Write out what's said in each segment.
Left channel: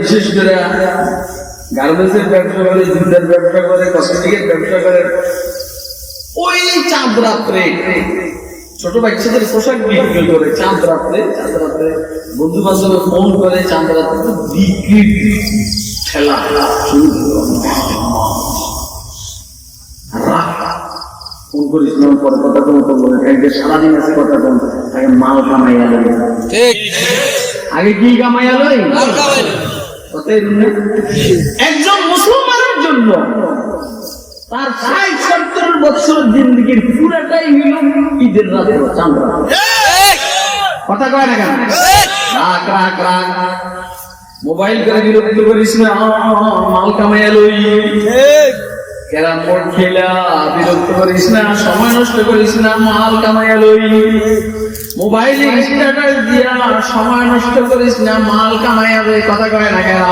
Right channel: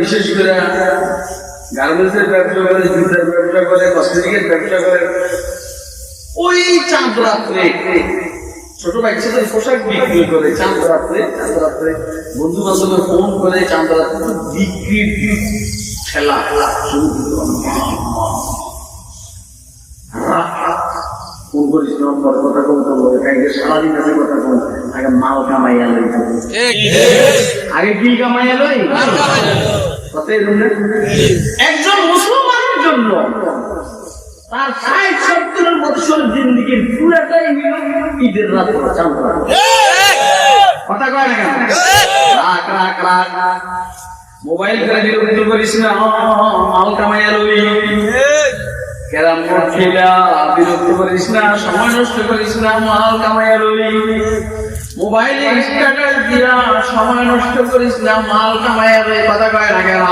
বিশেষ করে গার্মেন্টসের ব্যবসা করে, জুতার ব্যবসা করে, কসমেটিকের ব্যবসা করে। ওই চাঁদ রাত্রে ছোট বাচ্চাদের পোশাক বিক্রি করে, চাঁদ রাত্রে বন্ধু বান্ধবের ফোন করে, চাঁদ রাত্রে বিক্রি খেলা শুরু ফোন করিস না, পরে কথা কম করবো, সারাদিন আছে কথা কম, আগে মাল কামাইয়া লই। আগে কি কামাইয়া লই? একজন মুসলমানের জন্য তার ৬০-৭০ বছর জিন্দিগির পুরাটাই হইল ঈদের রাতে চাঁদ রাত। কথা কয় না কেন? রাখ রাখ রাখ, মোবাইল করে বিরক্ত করিস না, মাল কামাইয়া লই। ক্যারাম বোর্ড খেলা বিরক্ত করিস না, সময় নষ্ট করিস না, মাল কামাইয়া লই। মোবাইলে স্ট্যাটাস দিয়া সময় নষ্ট করিস না, মাল কামাইয়া লই। কথা কয় না কেন?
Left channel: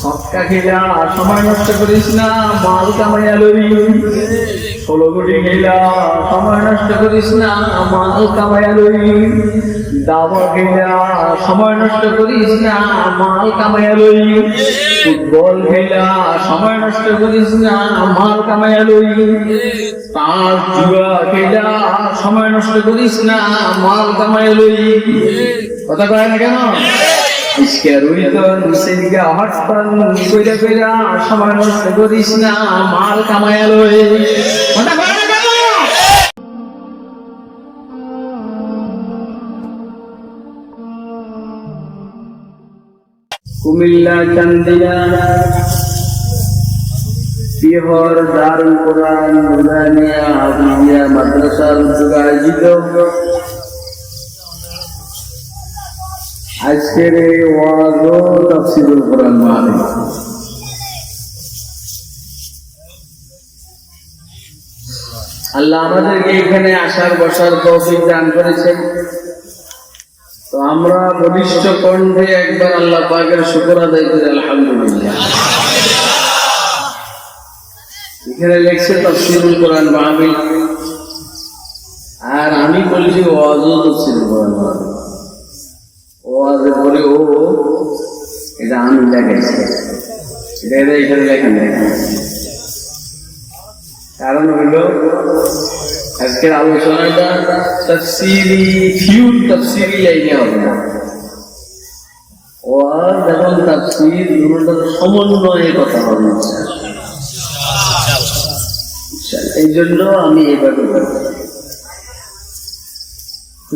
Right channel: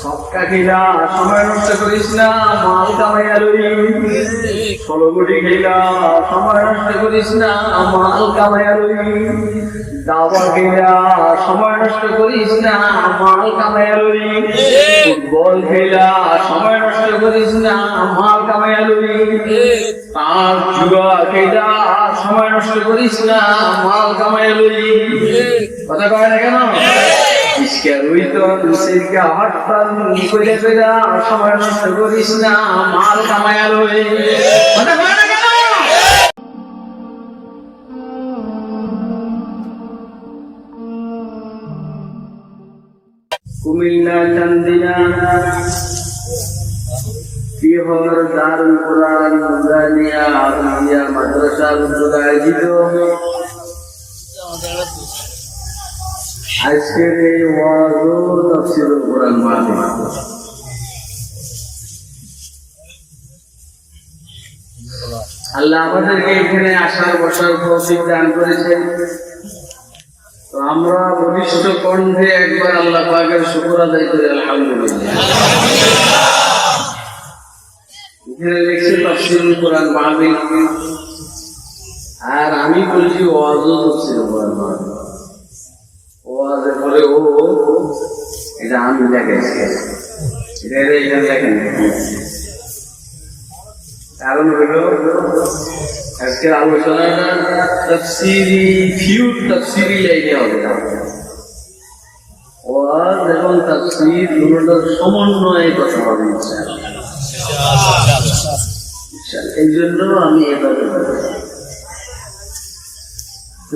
সৎকা খেলা সময় নষ্ট করিস না, মাল কামাইয়া লই। ১৬ কোটি খেলা সময় নষ্ট করিস না, মাল কামাইয়া লই। দাবা খেলা সময় নষ্ট করিস না, মাল কামাইয়া লই। ফুটবল খেলা সময় নষ্ট করিস না, মাল কামাইয়া লই। তার জুয়া খেলা সময় নষ্ট করিস না, মাল কামাইয়া লই। কথা কয় না কেন? সময় নষ্ট করিস না, মাল কামাইয়া লই। কথা কয় না কেন? কুমিল্লা চান্দিনা বিহর দারুল কোরআন নুরানিয়া আবুলিয়া মাদ্রাসার উদ্যোগে আয়োজিত আজকের এই ওয়াজ ও তাফসীরুল কোরআন মাহফিল, আল্লাহ আমাদেরকে এখানে আসার বসার তৌফিক দান করেছেন। তো আমরা বলিষ্ঠ কণ্ঠে একবার আল্লাহ পাকের শুকর আদায় করি আলহামদুলিল্লাহ। এখানে লেখছে তাফসীরুল কোরআন মাহফিল, আর আমি বলছি ওয়াজ ও তাফসীরুল কোরআন মাহফিল। ওয়াজে বলে ও এটা আমি লেখাইছি, এটা এখানে লেখেন না। কারণ হইল আজকের আলোচনাটা তাফসীরি লাইনে হবে না। ওয়াজ এবং তাফসীর দুটোর সমন্বয়ে কথা হবে ইনশাআল্লাহ। এই জন্য আমি এভাবে বলবো,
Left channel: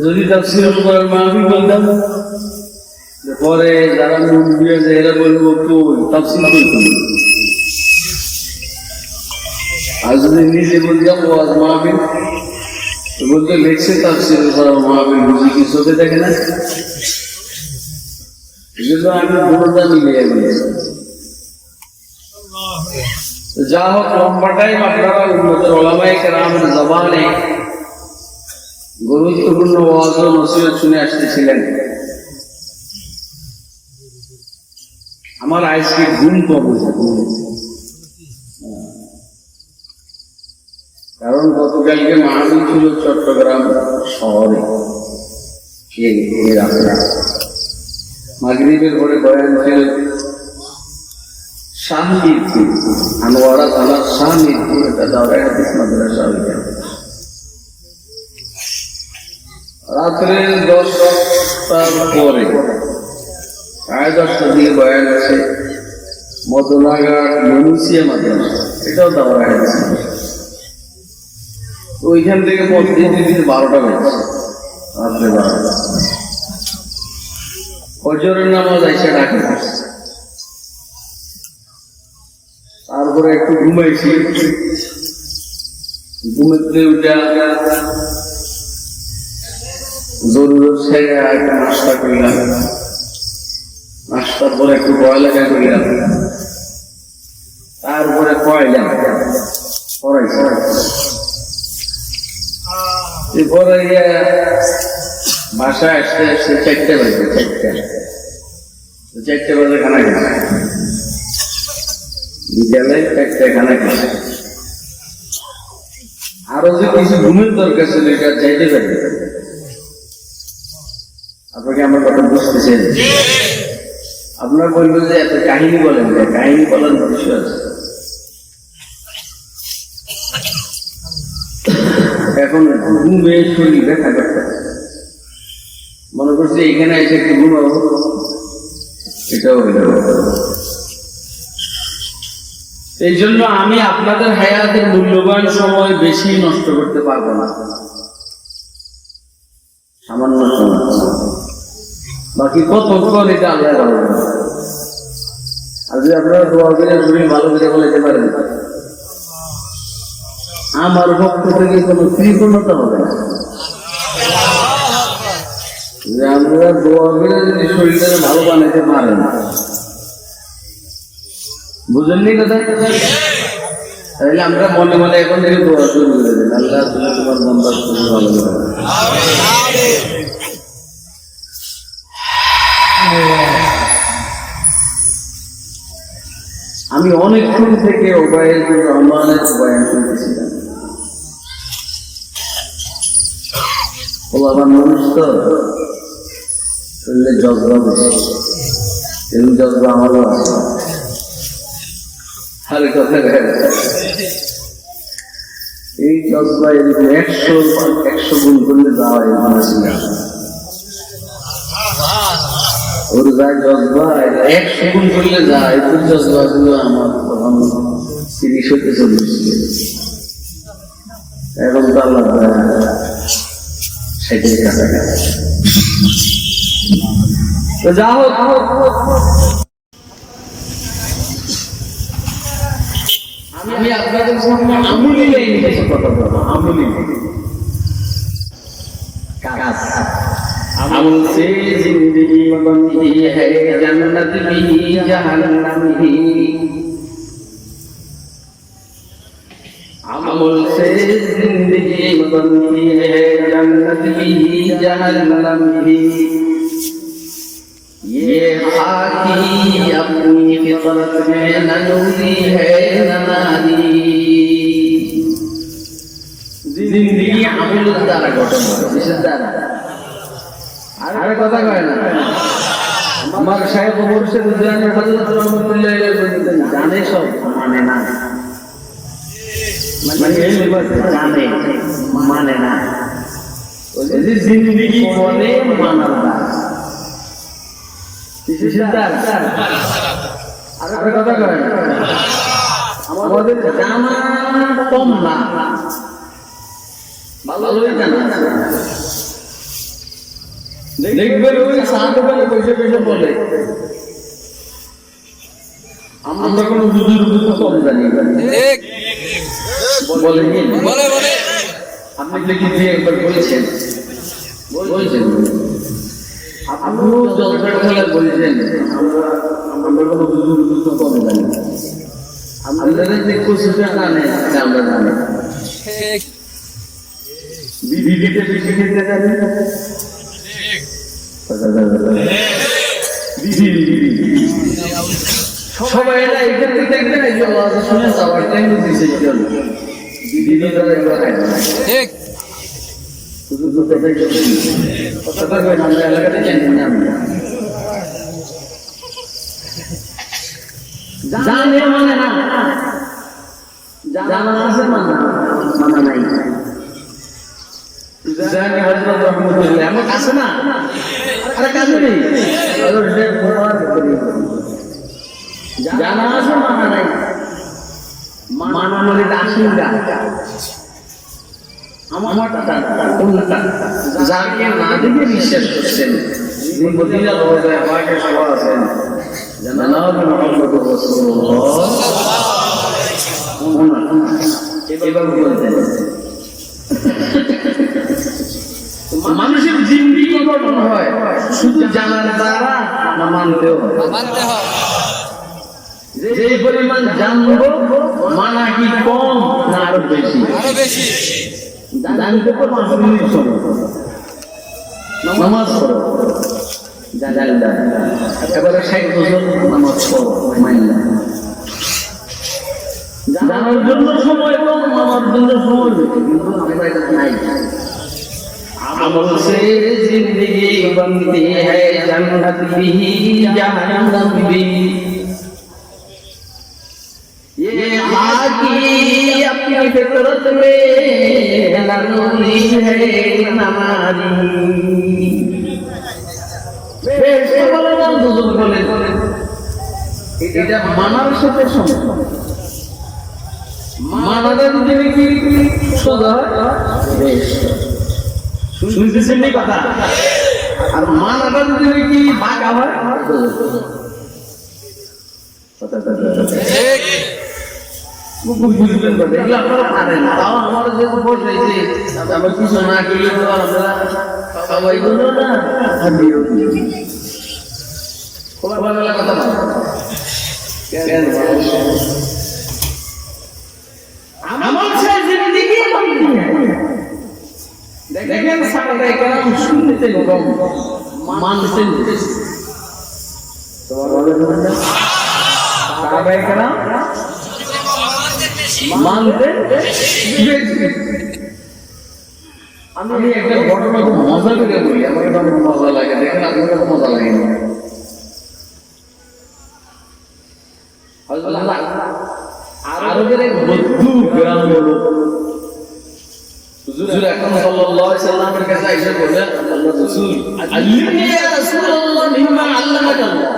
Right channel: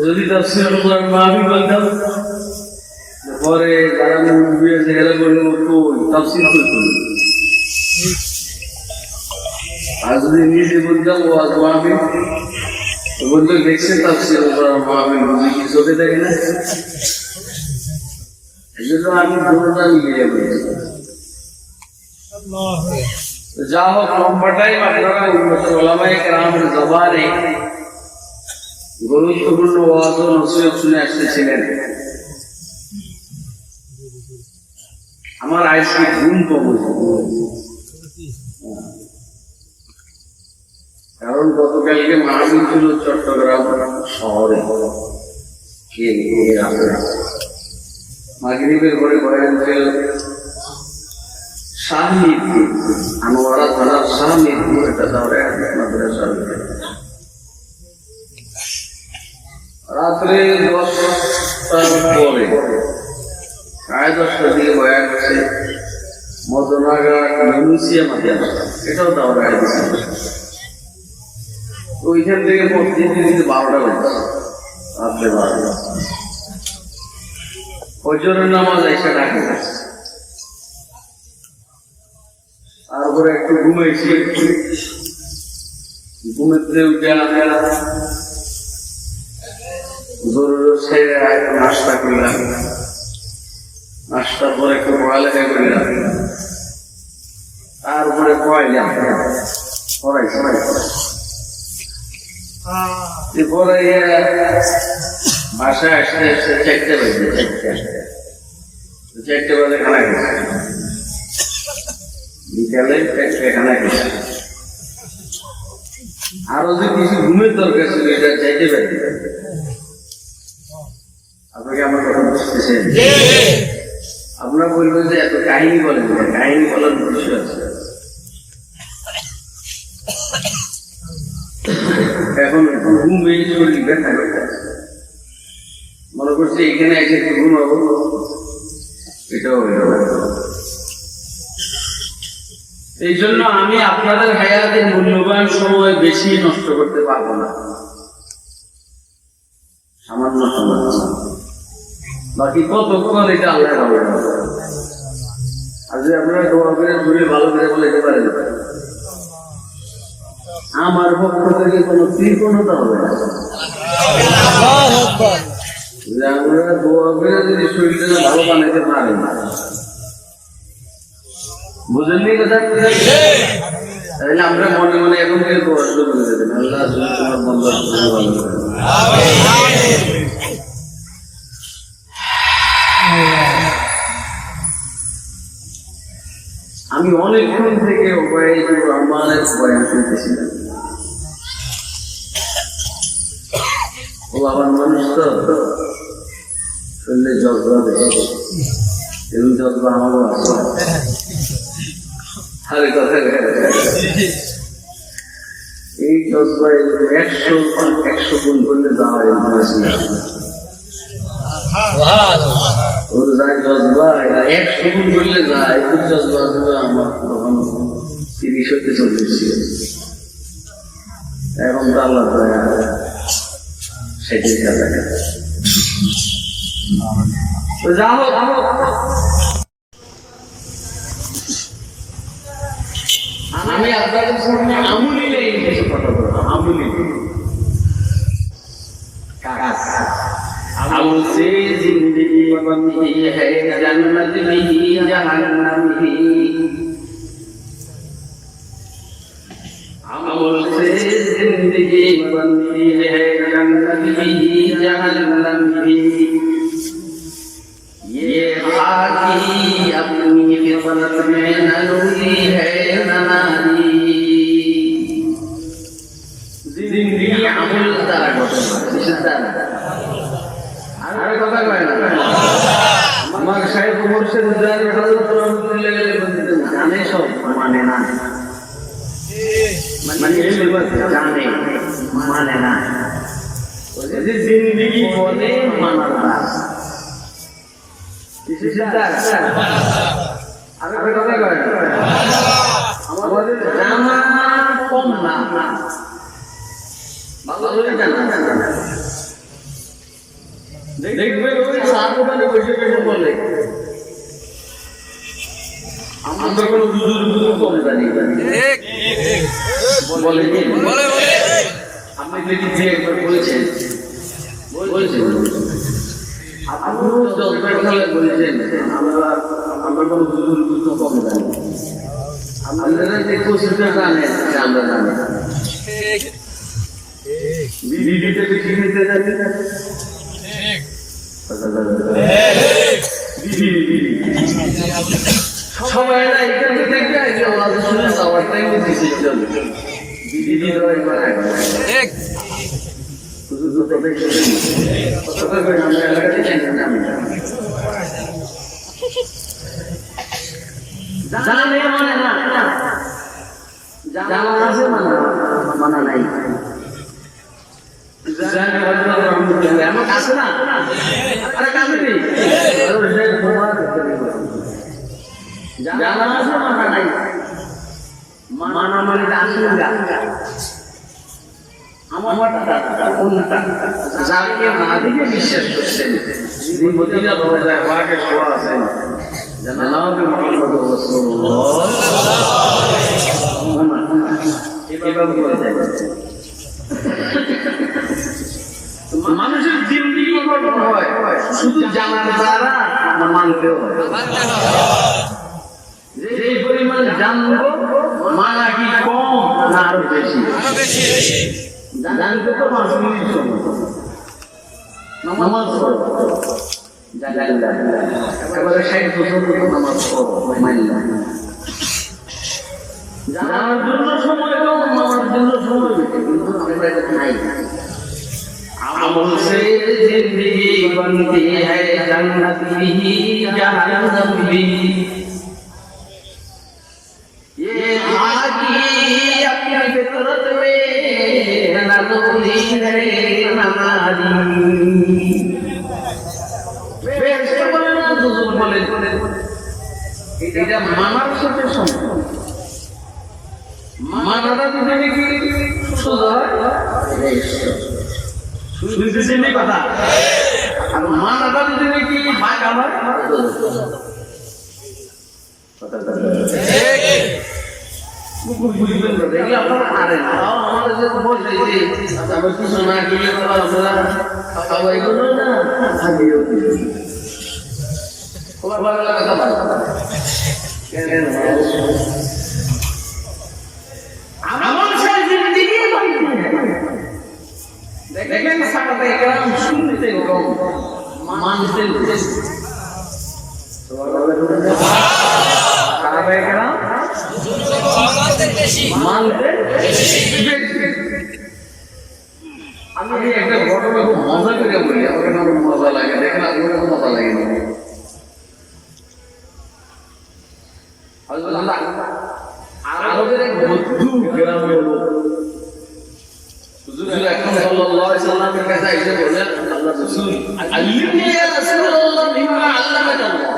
যদি তাফসীরুল কোরআন মাহফিল বলতাম পরে যারা মুরব্বী আছে এরা বলবো কই তাফসীর কই করি। আর যদি নিজে বলতাম ওয়াজ মাহফিল বলতে দেখছে তাফসীরুল কোরআন মাহফিল বুঝি কি চোখে দেখে না। এই জন্য আমি দুটোটা মিলিয়ে বলেছি। যা হোক, লম্বা টাইম আপনারা উন্নত ওলামায়ে কেরামের জবানে গুরুত্বপূর্ণ ওয়াজ ও নসিহত শুনে আসতেছিলেন। আমার আজকে ঘুম কমেছে, কারণ গতকালকে মাহফিল ছিল চট্টগ্রাম শহরে। মাগরিবের পরে বয়ান শাহমিরপুর, আনোয়ারা থানার শাহমিরপুর, এটা দাওরায়ে হাদিস মাদ্রাসা। রাত্রে 10টার পরে 10:30 দিয়ে বয়ান আছে মদনাঘাট মনুসিয়া মাদ্রাসা, এটাও দাওরায়ে হাদিস। ওইখান থেকে মসজিদ 12টা বেজে, রাত্রে 12টা। ফজরের নামাজ এসে ডাকে বসছে, তারপরে একটু ঘুমাইছি। ঘুমেতে উঠে জরুরত ছেড়ে একটু নাস্তা করলাম। নাস্তার পরে একটু পড়ালেখা করলাম, তারপরে পড়াইলাম, পড়াইছি। পরে বাসায় আসতে আসতে 4টা বাজে, 4টা বাজে খানা খেয়েছে, বিকালে 4টায় খানা খেয়েছে। আরো যে কিছু ঘুমের দরকার ছিল এটা চাইতে পারি। আপনাকে আমার কথা বুঝতেছেন? আপনারা বলবেন যে এত কাহিনী বলেন, কাহিনী বলার উদ্দেশ্য আছে। এখন ঘুমে শরীর ব্যথা করতে মনে করছি এখানে এসে একটু ঘুমাবো, এটাও হইল না। এই জন্য আমি আপনাদের হায়াতের মূল্যবান সময় বেশি নষ্ট করতে পারবো না, সামান্য সময়, বাকি কতক্ষণ এটা আল্লাহ হবে। আর যদি আপনারা দোয়া করে শরীর ভালো করে বলাইতে পারেন, আমার পক্ষ থেকে কোনো কৃপণতা হবে না। আপনারা দোয়া করে যদি শরীরটাকে ভালো বানাইতে পারেন, বুঝলেন কথা? তাহলে আমরা মনে মনে এখন থেকে দোয়া শুরু করে দেন, আল্লাহ তোমার বন্দার শরীর ভালো করে। আমি অনেকক্ষণ থেকে ওবায়দুর রহমানের বয়ান শুনতেছিলাম। ও আমার মানুষ তো শরীরে জজবা বেশি, এরকম জজবা আমারও আছে। আরে কথা এই জজবা এরকম 100 গুণ করলে যাওয়া ওর যায় জজবা 100 গুণ করলে যায়। তোর জজবা গুলো আমার তখন 30-40 ছিল, এখন তো আল্লাহ 60-এর কাছাকাছি। তো যা হোক, আমি আপনাদের সামনে আমুলি লাইনে কিছু কথা বলবো। আমুলি কাজ अमल से जिंदगी बनती है जन्नत भी जहन्नम भी। अमल से जिंदगी बनती है जन्नत भी जहन्नम भी। ये खाकी अपनी फितरत में न नूरी है न नारी। जिंदगी अमल द्वारा गठन किसের দ্বারা? আরে কথা কয় না। আমার সাহেব মুর্শিদ জানি হযরত রহমাতুল্লাহ আলাইহি জানে সব মানে না, মানে এই জানে মানে না। যদি জিন্দেগি বলে মানার দাস কিসের দাস? আরে কথা কয় না। আমাদের জানা কম না, ভালোই জানা। দেখবেন ওই সাত ওখানে বসে বসে বলে আমরা কোনো বুজুর্গ কম জানি, বলেনি? আপনি কি দিয়ে একবার বলেছেন? বলছেন আপনিও জলপাই খেলা বলেছেন আমরা কোনো বুজুর্গ কম জানি। আপনারা যে কোচিংটা জানে আমরা জানি, বিডিতে বেশি খেতে জানি না। সবাই এখানে দেখবেন শুনে যাওয়ার টাইম দিতে আমরা এলাকাতে জানি না। জানে মানে না, জানা আছে মানা নাই। এমন আছে না? আরে কাছে নেই, জানা আছে মানা নাই। মানা মানে আশঙ্কা। আমার কোনটা যাকে না দিকে বিশ্বাস করছেন মদিনা রওজায় পাকে সভা আছেন জনাব মুহাম্মদ রাসূলুল্লাহ এভাবে বলতেন। মানুষের জিন্দেগি গঠন হয় শুধু জানার দ্বারা না মানতেও হয়। যে পরিমাণ জানবো মানা কি কম না আরো বেশি? জানতে তো 5 মিনিট সময়, নামাজ পড়ো একেবারে 60 বছর নামাজ পড়ো মাইলা। জানার জন্য সময় কম, মানার জন্য সময় বেশি, কিন্তু আমরা এটা নাই। अमल से जिंदगी बनती है जन्नत भी जहन्नम भी ये आकी अपनी फितरत में नरूरी है नमाजी বেশি বলে না দুজন বলে এটা মানার সাথে সম্পর্ক মানাটা যদি কি সোজা শুনতেছেন এই কথা আর মানাটা যদি কি ভাগা হয় বুঝবেন না দেখলে আপনারা পারেন তাও আমাদের যে বলছে যে আমার কিছু না গেলে তো আমরা সবাই বলো না হাবিও খবর ভালো কথা কেন আমল से जिंदगी बनती है लेकिन साहबे करम सुनते कम मानते नहीं साहबे करम मानते আমি একটা ঘটনা খুব মজা করে বলি আমার কাছে অনেক মজা লাগে দেখেন আপনার কাছে মজা লাগে না আরবের এক বদ্ধু গ্রাম হলো হুজুর আকরাম সাল্লাল্লাহু আলাইহি সাল্লামের কাছে এসে বললেন আল্লাহর রাসূল আল্লিমনি ইয়া রাসূলুল্লাহ মিম্মা আল্লামাকাল্লাহ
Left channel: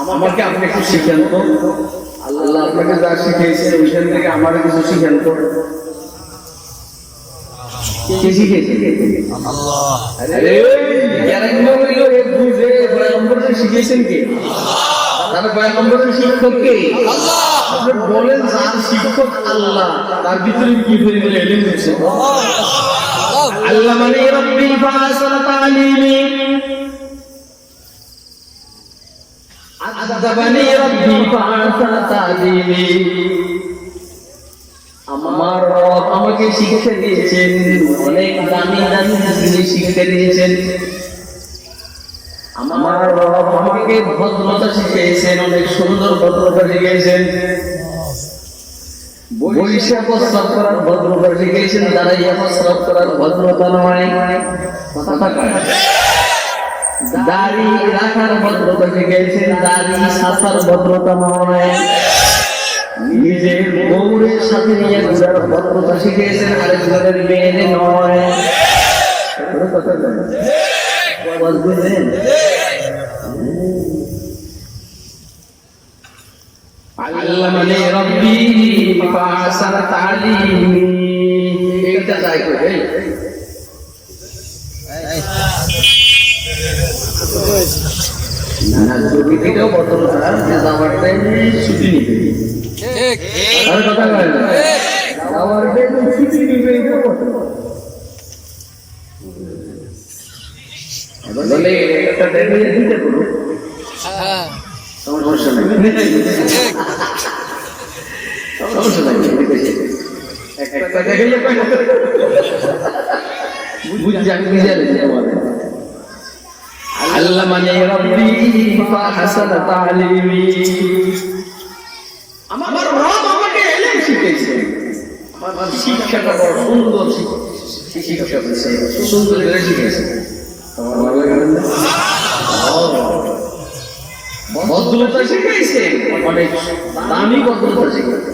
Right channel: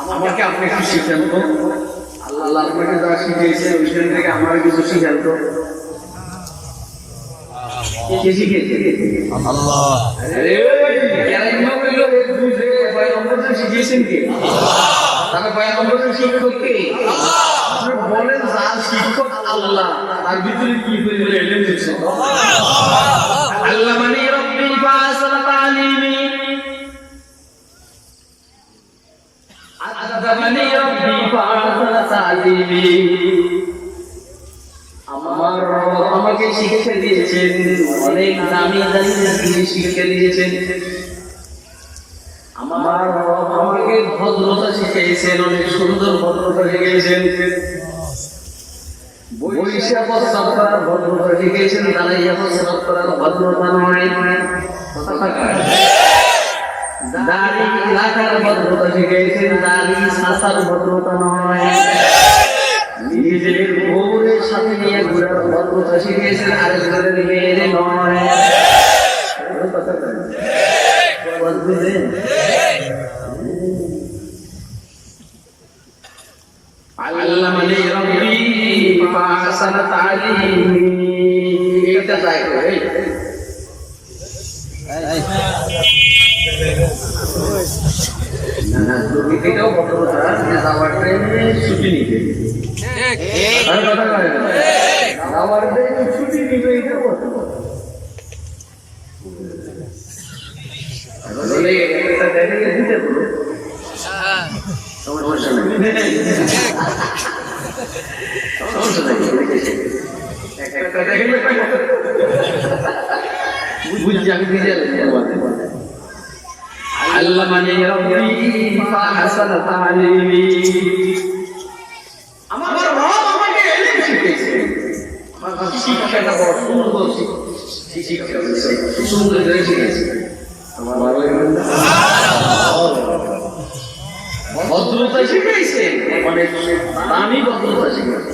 আমাকে আপনি একটু শিখান তো আল্লাহ আপনাকে যা শিখিয়েছেন ওইখান থেকে আমার কিছু শিখান তো কে শিখিয়েছে আল্লাহ আরে কেন বললো এক বুঝে পয়গম্বর শিখিয়েছেন কে তাহলে পয়গম্বরের শিক্ষক কে আল্লাহ আপনি বলেন যার শিক্ষক আল্লাহ তার ভিতরে কি পরিমাণ ইলম আছে আল্লামানি রাব্বি ফাসালা তালিমি আযাবানি রাব্বি ফাসালা তালিমি আমার রব আমাকে শিক্ষা দিয়েছেন অনেক দামি দামি জিনিস শিক্ষা দিয়েছেন আমার রব আমাকে ভদ্রতা শিখিয়েছেন অনেক সুন্দর ভদ্রতা শিখিয়েছেন বৈশা প্রস্তাব করার ভদ্রতা শিখিয়েছেন দাঁড়াইয়া প্রস্তাব করার ভদ্রতা নয় দাড়ি রাখার ভদ্রতা শিখিয়েছেন দাড়ি সাফার ভদ্রতা নয় নিজের বউরের সাথে নিয়ে ঘুরার ভদ্রতা শিখিয়েছেন আরেকজনের মেয়ের নয় কথা বলবেন আল্লামানি রাব্বি ফাসালা তালিমি এটা চাই কই না যদি এটাও বদলটা যে আমার টাইমে ছুটি নিবে ঠিক আর কথা বলে আমার টাইমে ছুটি নিবে এটা বলে একটা টাইমে দিতে বলো হ্যাঁ সমস্যা নাই সমস্যা নাই একটা দেখলে বুঝছি আমি নিজে আল্লামানি রাব্বি ফাহাসানা তালিমি আমার রব আমাকে ইলম শিখিয়েছে আমার শিক্ষাটা বড় সুন্দর শিক্ষা দিয়েছে সুন্দর করে শিখিয়েছে আমার ভালো লাগে ভদ্রতা শিখাইছে অনেক দামি ভদ্রতা শিখাইছে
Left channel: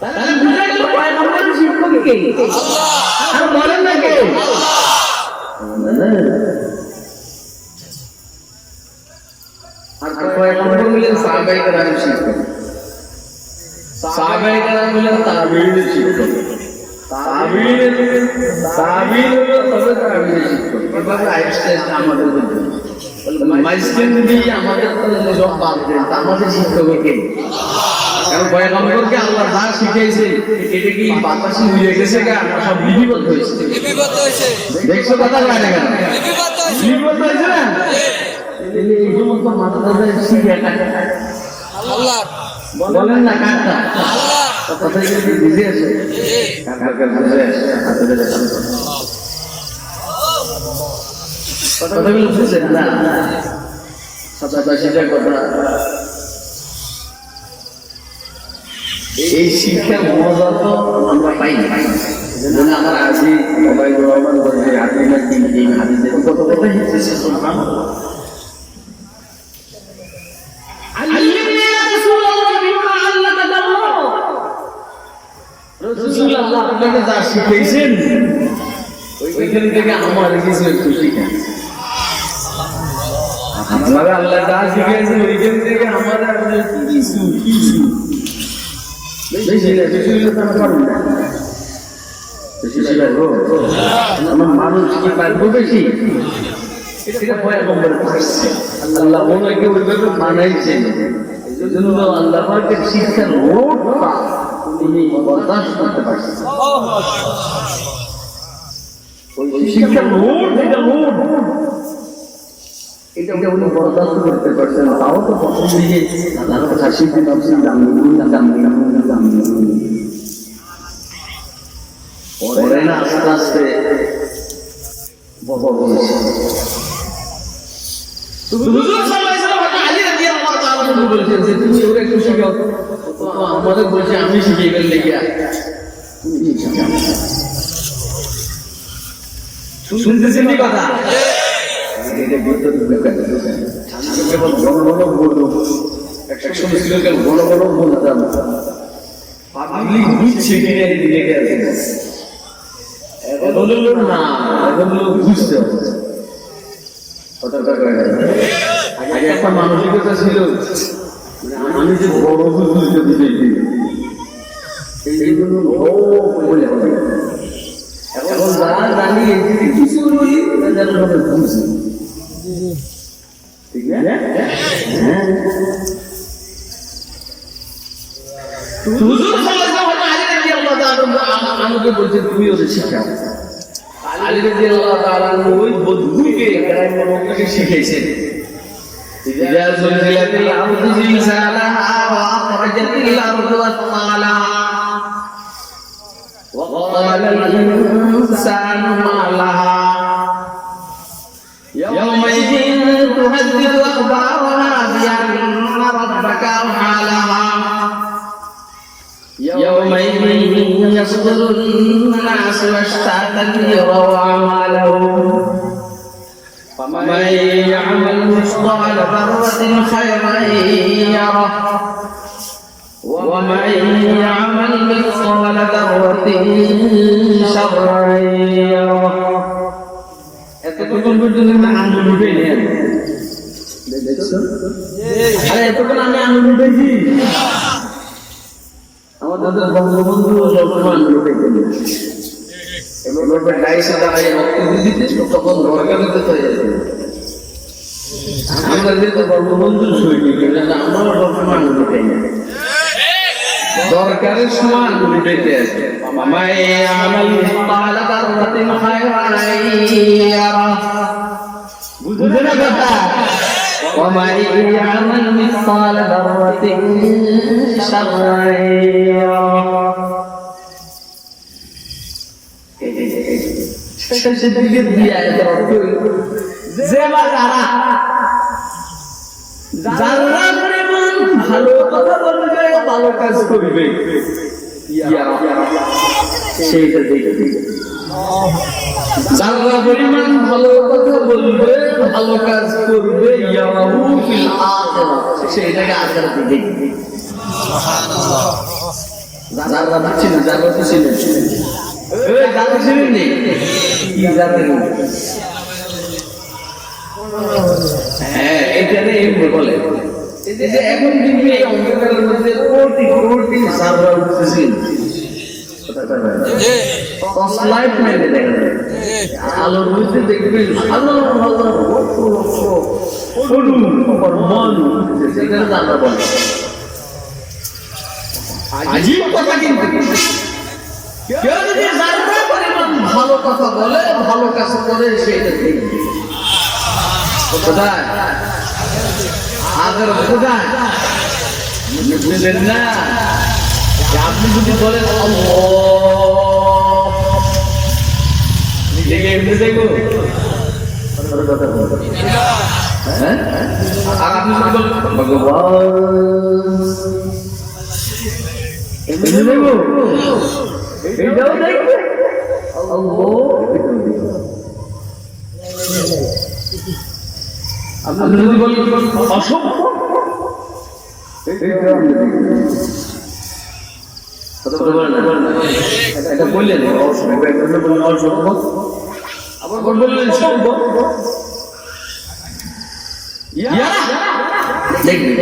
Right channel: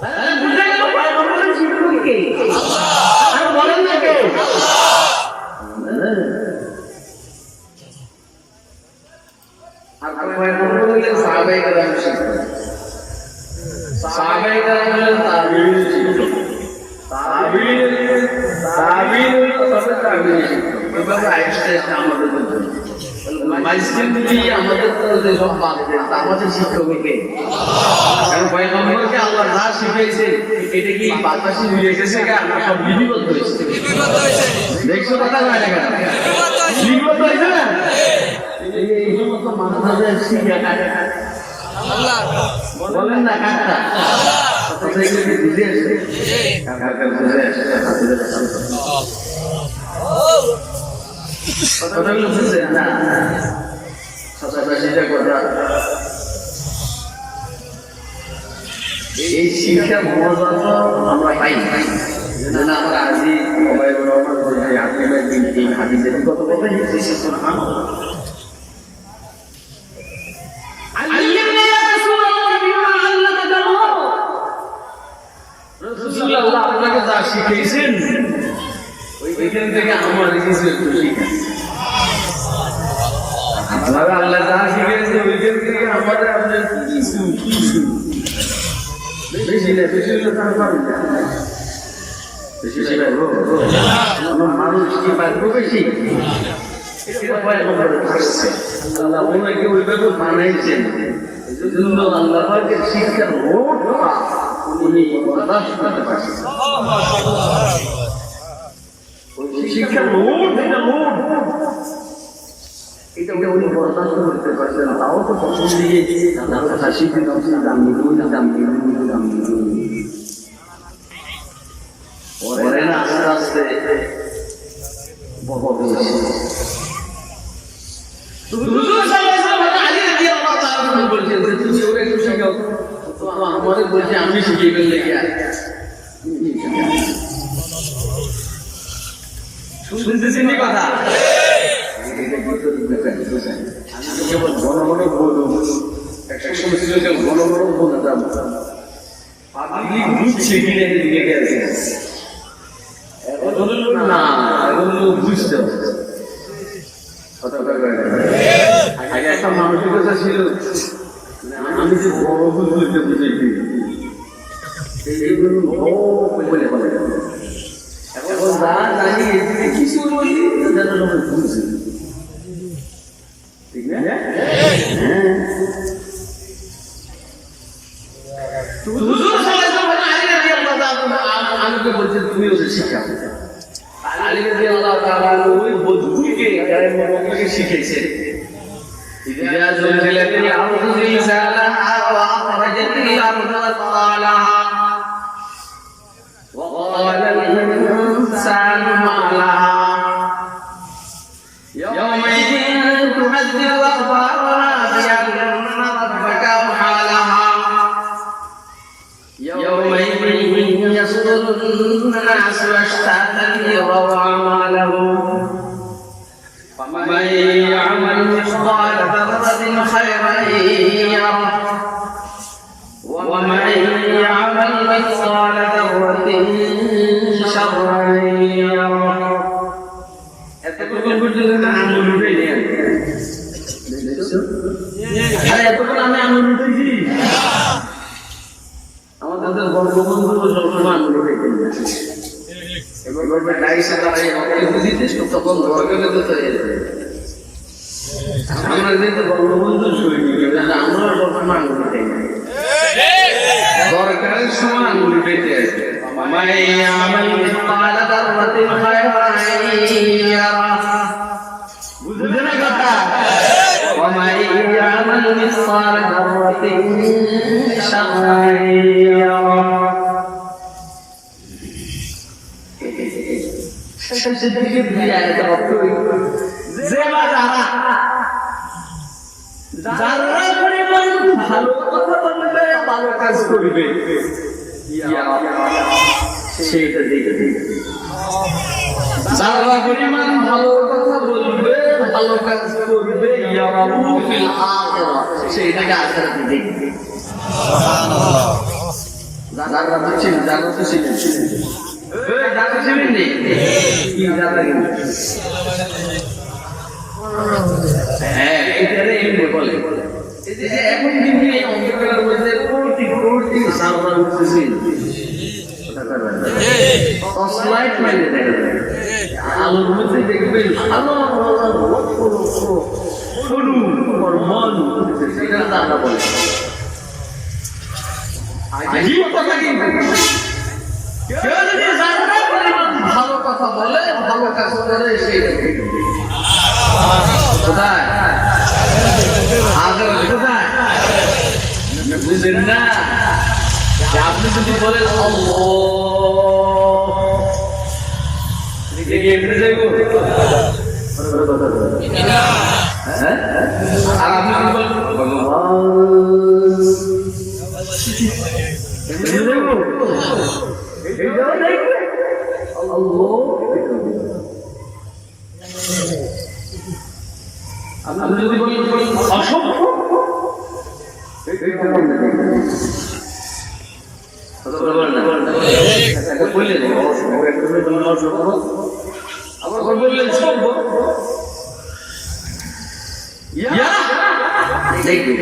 তাহলে বুঝা গেল পয়গম্বরের শিক্ষক কে আল্লাহ আর বলেন না কে আর পয়গম্বর বললেন সাহাবায়ে কেরাম শিক্ষক সাহাবায়ে কেরাম বললেন তাবিঈন শিক্ষক তাবিঈন হলো তবে তাবিঈন শিক্ষক এভাবে আইসতে আমাদের জন্য মাইসিন দিয়ে আমাদের তো যে সব বাঁধে আমাদের শিক্ষক কে কারণ পয়গম্বরকে আল্লাহ যা শিখাইছে এটা কি বাতাসে উড়ে গেছে না আমরা সব বিধিবদ্ধ হয়েছে দেখছো কথা কয় না কেন বিধিবদ্ধ হয়েছে না এই সমস্ত মাদ্রাসায় শিখে কাটে আল্লাহ বলেন না কাটটা আল্লাহ কথা কি বুঝে আছে কাটটা বুঝে আছে আপনাদের সামনে কথাগুলো বুঝছেন না সবচেয়ে কথা এই শিক্ষার মজা তো আমরা পাই না যেন আমার আজই সবাই রহমান করে হাদিসের দিন এই হাদিসের কত কথা হিসেবে সুবহানাল্লাহ আল্লামনা ইয়া রাসূলুল্লাহ বিমা আল্লামানা আল্লাহ রাসূলুল্লাহ আপনাকে যা শিখিয়েছেন ওইখান থেকে আমার কিছু একটু শিখেন আপনারা আল্লাহ যা শিখিয়েছেন ওইখান থেকে আমাদের আপনার কিছু বেশি না বেশি হলে তারা পারবেন না বেশি পারবো আমার মানুষ কি পারবো বেশি এটা পয়গম্বর আসছে আল্লাহ ওনাকে ওইভাবে বানাইছেন এজন্য আল্লাহ পাকের শিক্ষার লোটটা উনি বরদাস্ত করতে পারছেন ওই শিক্ষার লোট এটা উনি বরদাস্ত করতে পারছেন তাও তো প্রথম দিকে আল্লাহর কথা শিখতে জানতে পরে না আস্তে আস্তে আমাদের বলছে আমি শিখিয়ে ফেললে কি শুনতেছেন কথা ঘন ঘন বলবো একটা সময় ছিল ঘন ঘন বলতাম পাবলিক বুঝছে কিনে লেগে আছে এখন লোক না এখন লোক বুঝতে আগে একটা মানসিকতা ছিল আমি যে বড় বুঝতে বুঝেছি এইগুলো বলে এখন যা জানি কিছু বলি যেন সবাই বুঝছে ঠিক না আমাকে বলছে তুমি ওদের শিক্ষা আলী রাদিয়াল্লাহু তাআলা ওই বন্ধুকে শিখেছেন إذا زلزلت الأرض زلزالها وأخرجت الأرض أثقالها وقال الإنسان ما لها يومئذ تحدث أخبارها بأن ربك أوحى لها يومئذ يصدر الناس أشتاتا ليروا أعمالهم فمن يعمل مثقال ذرة خيرا يره ومن يعمل مثقال ذرة شرا يره এতক্ষণ পর্যন্ত আঙুল উঠে নেন আরে এতক্ষণ আমি আঙুল উঠেছি আমাদের বঙ্গবন্ধু সবসময় আঙুল উঠেছে এবার ডাইসে দাঁড়িয়ে বক্তব্য দিতে তখন দরকার তো আমরা যেহেতু বঙ্গবন্ধু সৈনিক আমরাও সবসময় আঙুল উঠে দরকারের সময় আঙুল উঠেতে আছে বুঝে না কথা ومن يعمل مثقال ذرة شرا يره যারা পরিমাণ ভালো কথা বলবে ভালো কাজ করবে সেইটা দেখে যারা পরিমাণ ভালো কথা বলবে ভালো কাজ করবে সেইটাকে আখেরাতে দেখবে যারা বুঝছেন যারা তো ছিলেন যারা ছিলেন নেই কি যারা হ্যাঁ এইটারে এমনি বলে এখন কিন্তু এই অন্ধকারের মধ্যে কোটি কোটি সার্ভার উঠতেছে আলোর মধ্যে দেখবেন ভালো ভালো মন সেটা আমরা বলি আজীব কথা কিন্তু কেউ যদি জানতে পরিমাণ ভালো কথা বলে ভালো কাজ করে সেইটা দেখবে কোথায় আগের কোথায় বুঝলেন না আপনি যদি বলেন এমনি দেখবো আর আপনি যদি বলেন ভগবান এমনি দেখবো এইটাও দেখবো আপনি যদি বলেন অসভ্য, বললেন অসভ্য, আবার বললেন সভ্য। দেখবে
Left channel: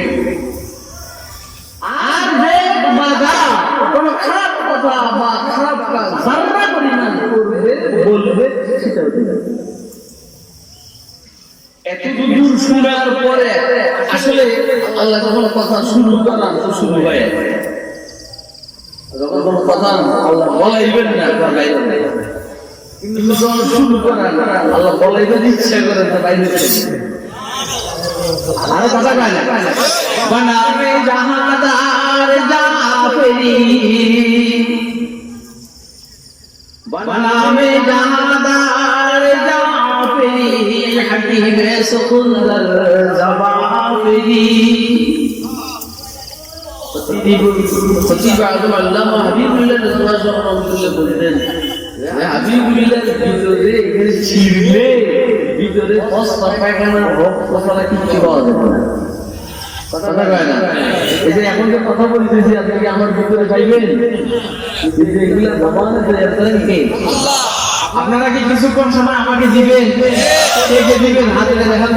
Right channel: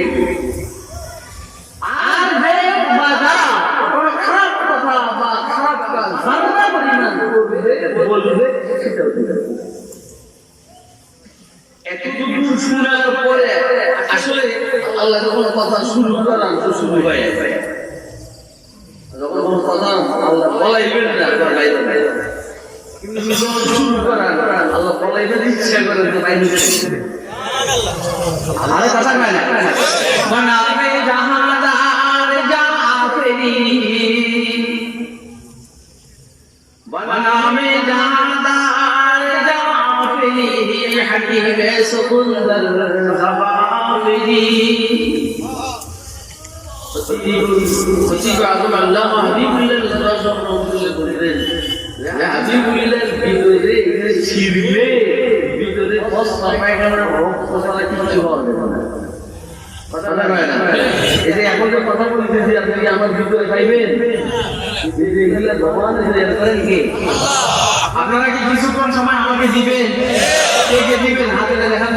আর দেখ বা যারা কোনো খারাপ কথা বা খারাপ কাজ যারা পরিমাণ করবে বলবে সেটা হতে যাবে। এত দূর শোনার পরে আসলে আল্লাহ যখন কথা শুরু করলাম তো শুরু হয়ে যায়, যখন কোনো কথা আল্লাহ বলাইবেন না বাইরে, কিন্তু যখন শুরু করেন আল্লাহ বলাইবেন ইচ্ছা করেন তো বাইরে আরো কথা কয় না। বনামে জাহাদার জাফরি, বনামে জাহাদার জাফরি, হাকিমে সুকুন্দর জবাফরি। খতিব আজম আল্লামা হাবিবুল্লাহ রাদিয়াল্লাহু আনহু বলতেন, হাবিবুল্লাহর ভিতরে এখানে ছিড়লে ভিতরে বস্তা পায়খানার রক্ত ছাড়া কিছু পাওয়া যেত না। কথা কয় না। এই যে এখন যে কথা বলতেছি আপনি কি আমার ভিতরে পাইবেন? এগুলো ভগবান করেন কে? আপনারা কি কিছুক্ষণ সময় আমাকে দিবেন? কে কে দিবেন? হাতে দেখান।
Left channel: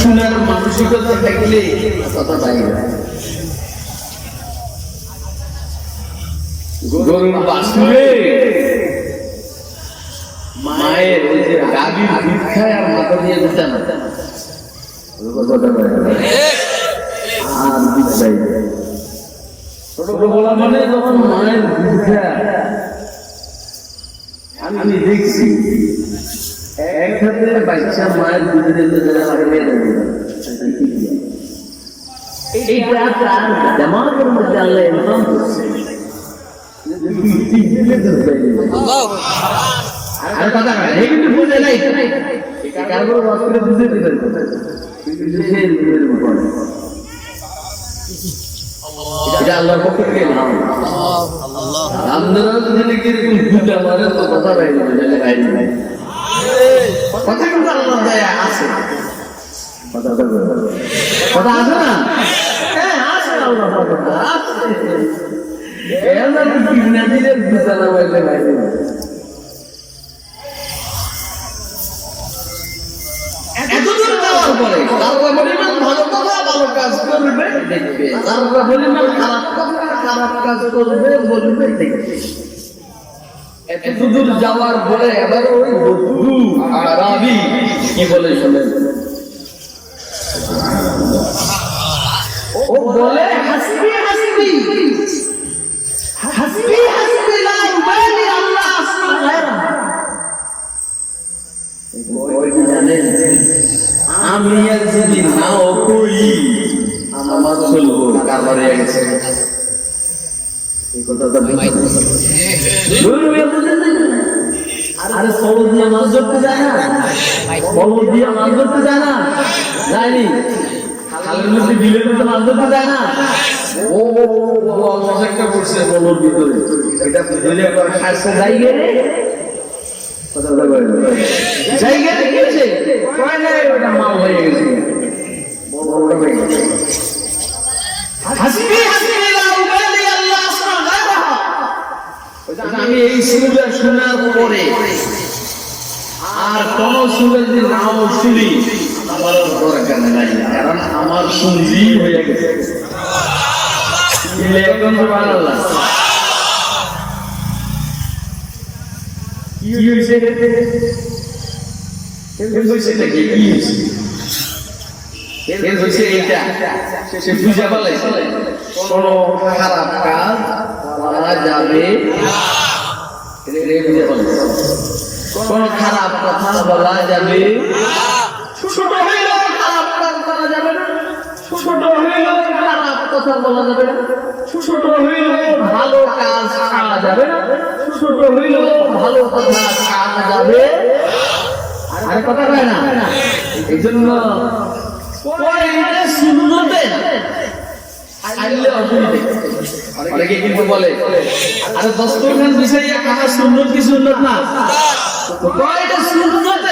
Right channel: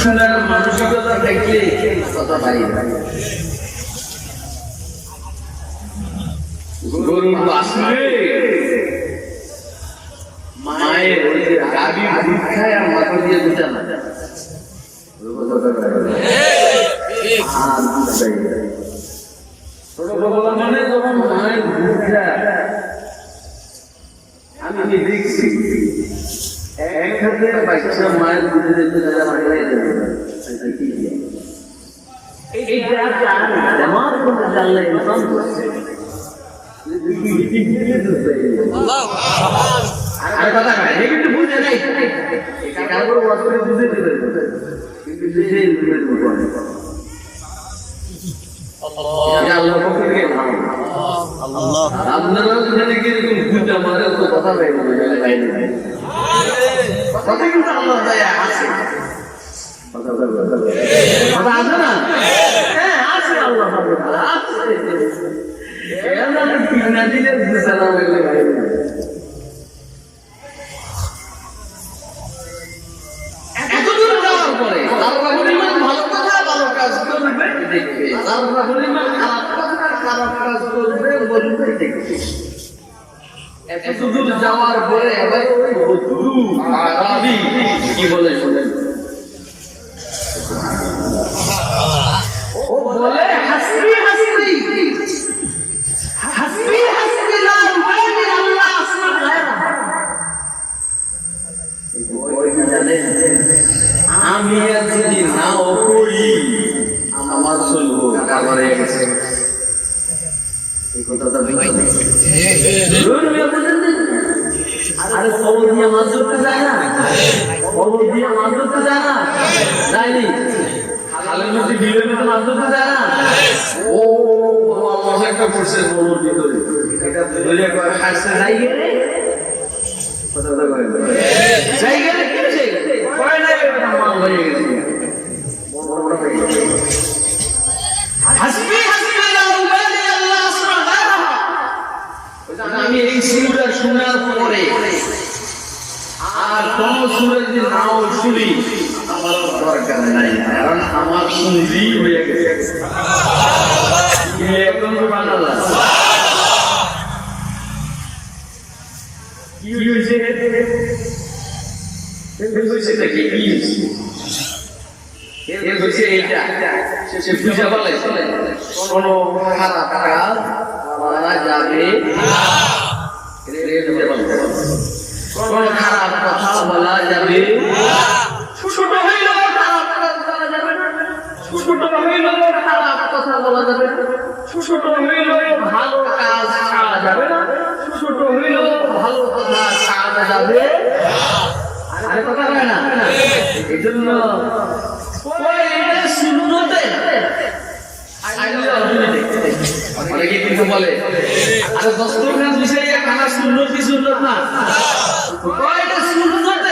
শোনার মানসিকতা থাকলে কথা পাইবে। গরুর বাছুরে মায়ের ওই যে গাভীর দুধ খায় আর মাথা দিয়ে দুধ না, ছোটবেলা মানে যখন মায়ের দুধ খায় আমি দেখছি এক হাতে বাচ্চা মায়ের দুধে দিতে এইটা তার জামাতের মধ্যে আল্লাহ ইনসান করছে। আর কথা কয় হে কিন্তু বুঝে নাই, কারো বছরে বুঝে দিতে কিন্তু সে এটা আল্লাহর পক্ষ থেকে ভালো। আপনারাও যদি এরকম ভূত আমাদের তো কথা বাইরে বাইরে কথা কিন্তু আল্লাহ দয়া আছে, কথা আছে না? হ্যাঁ আছে, আল্লাহ আছে। না দিলে বিছানা বাইরে বাইরে এতদূর যাওয়ার পরে তারা পরিমাণ ভালো কথা ভালো কাজ করবে দেখবে, তারা পরিমাণ খারাপ কথা খারাপ কাজ করবে বলবে দেখবে। এতদূর যাওয়ার পরে এবার ওই বধূ আরাবি কি বলে শুনেন, ও বলে হাসবি হাসবি হাসবি হাসবি লা উবালি আল্লাহ আসমা গায়রা। ওই জানেন আমি আর যদি নাও করি আমার চলবো কারবার হয়ে গেছে। এই কথাটা আরে ফলো দিয়ে মাছ ধরতে যায় না, ফলো দিয়ে মাছ ধরতে যায় না, যায়নি খালের মধ্যে বিলের মধ্যে মাছ ধরতে যায় না। ও মাছ একটা করছে ফলোর ভিতরে, এটা ধরে খাইছে যাই গেলে কথাটা বলে যাই গেলে কি হয়েছে কয় না ওটা মাল হয়ে গেছে, বড়টা হয়ে গেছে। হাসবি হাসবি লা উবালি আল্লাহ আসমা গায়রা। আমি এই সুরটা শোনার পরে আর কোন সুরে যদি নাও শুনি আমার দরকার নাই, কারণ আমার সঙ্গী হয়ে গেছে। এখন সুবহানাল্লাহ কি হয়েছে নাকি কি হয়েছে এইটা সে বুঝা পালাইছে কোনো খারাপ কাজ করা যাবে, কোন খারাপ কথা বলা যাবে, ছোট হইলেও খারাপ কাজ করা যাবে না, ছোট হইলেও খারাপ কথা বলা যাবে না, ছোট হইলেও ভালো কাজ করা যাবে না, ছোট হইলেও ভালো কথা করা যাবে। আরে কথা কয় না, এই জন্য সুন্নতে আইলে অসুবিধা অনেকে কিন্তু বলে আরে দস্তরখান বিষয়ে খানা সুন্নত কি সুন্নত না তো কয়টা সুন্নত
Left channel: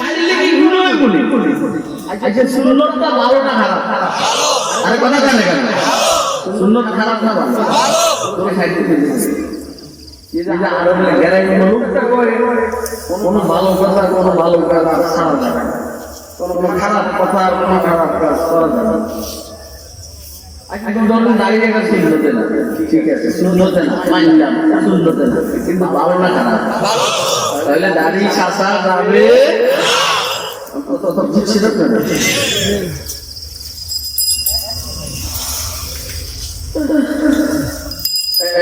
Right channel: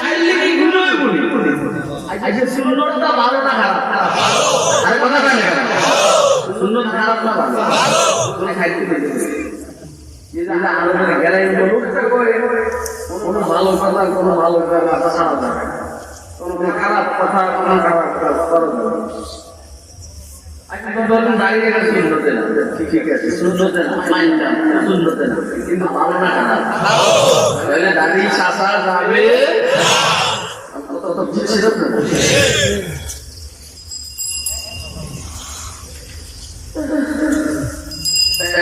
আইলে কি গুণ হয় বলি আচ্ছা সুন্নতটা ভালো না খারাপ আরে কথা কয় না কেন সুন্নত খারাপ না ভালো তুমি খাইতে পেরেছো এই যে আরবের গেলাই লোকটা করে কোনো ভালো কথা কোনো ভালো কাজ ছাড়া যাবে না কোনো খারাপ কথা কোনো খারাপ কাজ করা যাবে না এখন ধরুন দাঁড়িয়ে রেখে সুন্নতে না ঠিক আছে সুন্নতে না মানলাম সুন্নতে না কিন্তু ভালো না খারাপ তাহলে দাঁড়িয়ে শাসা যাবে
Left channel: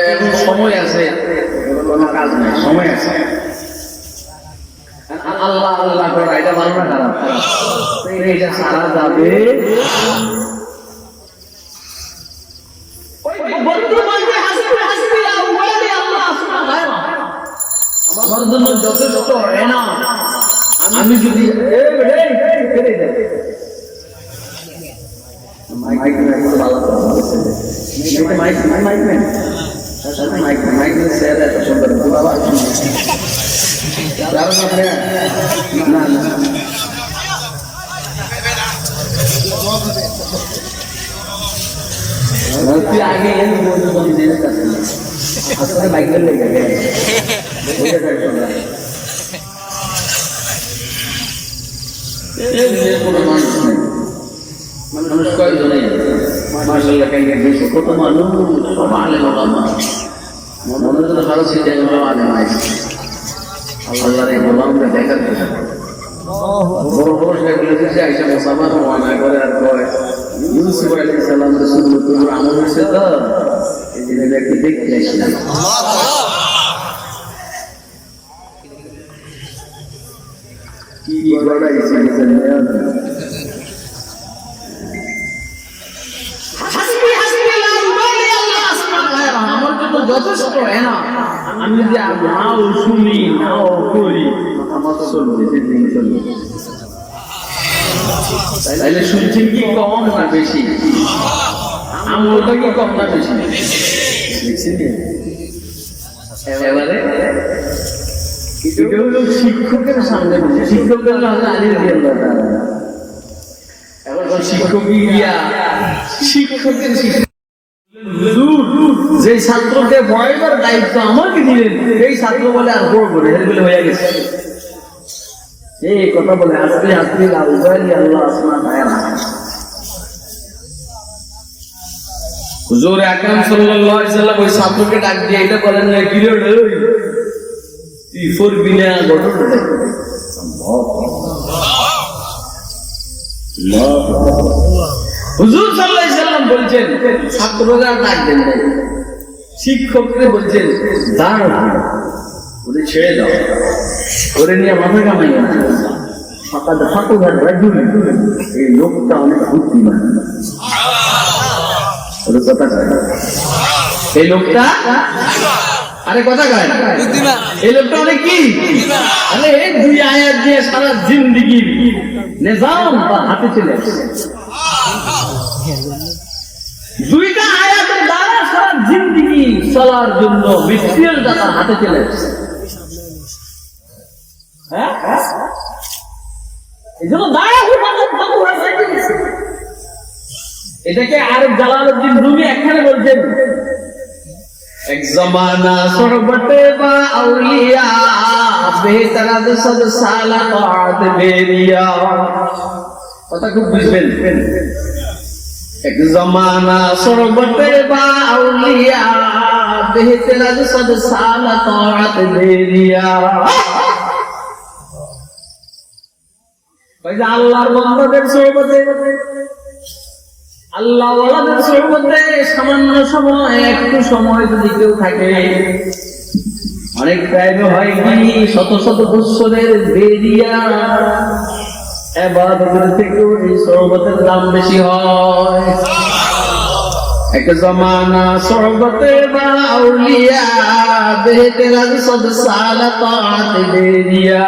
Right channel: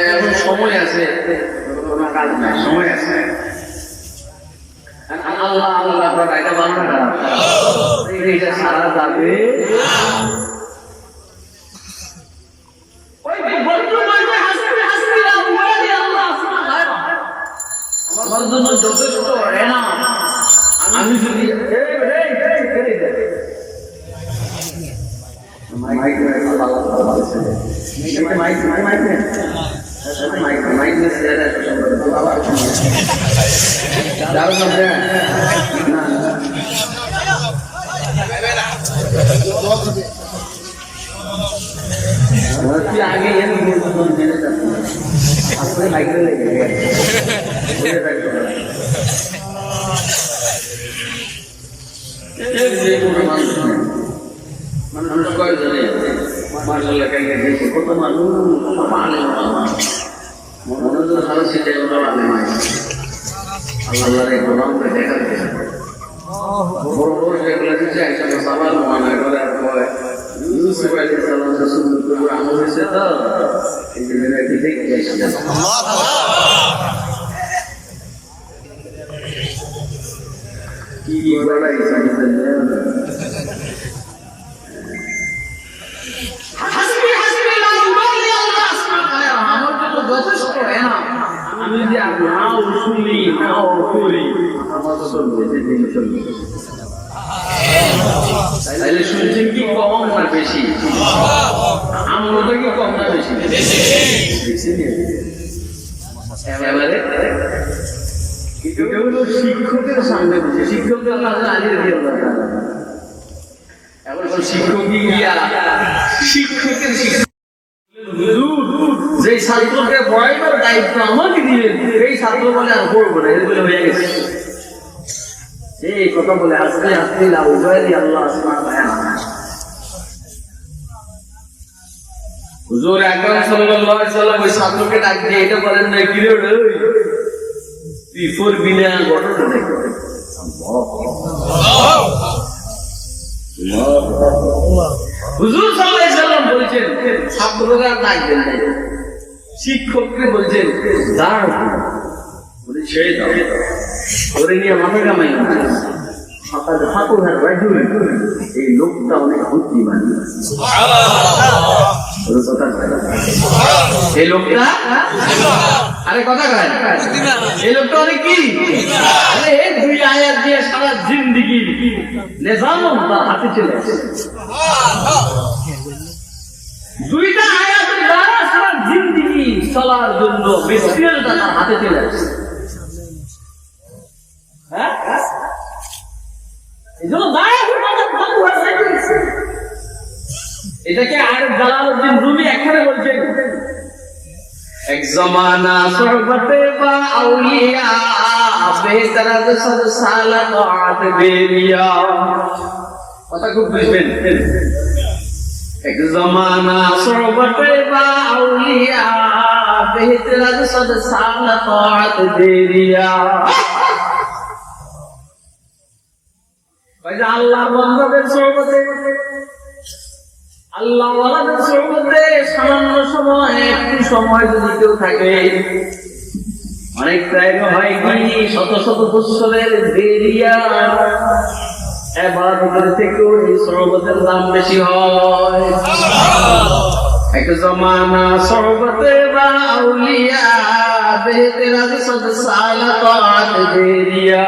এখন সময় আছে কোনো কাজ নাই সময় আছে আল্লাহ আল্লাহ করা এটা ভালো না খারাপ এটা সারা যাবে আমার জন্য যথেষ্ট না আমি যদি আগে আসলে বাইক লেগে মানুষ কয়েকজনে মার্শাল্লাহ কত মানুষ সব আলে মনে হচ্ছে ভালো সেটাই সব আলে আল্লাহ গোলামকে দেখাতে বড় বড় সেগুলো দিচ্ছে আইসা মোসামার মনে করে আর পরে ইউসুফ আলাইহিস সালাম রাসূলুল্লাহ আমল হয়েছে তো এই জন্য একটু দেখতে আসলাম কি বলা ইচ্ছা যথেষ্ট আমি যদি নাও শুনি নাও করি আমার চলবে সেদিন চলবে তাহলে শুনছেন কি কম না বেশি আমলটা কি কম না বেশি এবারে এটা হলো শিক্ষকের সামনে শিক্ষকের আলির দিয়ে এখন শিক্ষকই গিয়া শিক্ষকের যে ছাত্রকে পড়াইবার দায়িত্ব আমাকে দিলেন এই ছাত্র বলে আর পড়বো না এগুলো হয়ে গেছে এই কথা বলে আসলে আসলে আল্লাহ আসমান হুজুর আকরাম সাল্লাল্লাহু আলাইহি সাল্লাম ওই ছাত্রকে ডাক দিয়ে এটা বলেন না কি রে তুই পড়বি না ঘটনা দেখো হুজুর সাল্লাল্লাহু আলাইহি সাল্লাম বলেছেন ছাত্ররা ডাক দেন নাই শিক্ষককে বলছেন দাঁড় ওরে ছেড়ে দাও ওরে নিয়ে মাথা কামাই সকালে ঠাকুর রাজুল এই লোকটা অনেক বুদ্ধিমান এই লোকটা আরে কথা কয় এই লোকটা অনেক কি আরে দুই আয়াত দিয়ে সারা জিন্দিগির নিজাম তার হাতে চলে আসে দুইটা আয়াতের দ্বারা সারা জিন্দিগি চলার জন্য মিসকিনের দাতা হাতে চলে আসে হ্যাঁ এই জন্য এটাকে আরেক জালালউদ্দিন রুমি একখানে বলছেন এক জমানা সোহবতে বা আউলিয়া বেহতরাজ সদ সালাত বেরিয়া কথা খুব বুঝবেন এক জমানা সোহবতে বা আউলিয়া বেহতরাজ সদ সালাত বেরিয়া আল্লাহর বান্দাদের সোহবতে আল্লাহ ওয়ালাদের সোহবতে সামান্য সময় একটু সময় যদি কেউ থাকে অনেক টাইম হয় কি শত শত বৎসরের দেরিয়া ইবাদতের থেকেও এই সোহবতের দাম বেশি হয় এক জমানা সোহবতে বা আউলিয়া বেহতরাজ সদ সালাত বেরিয়া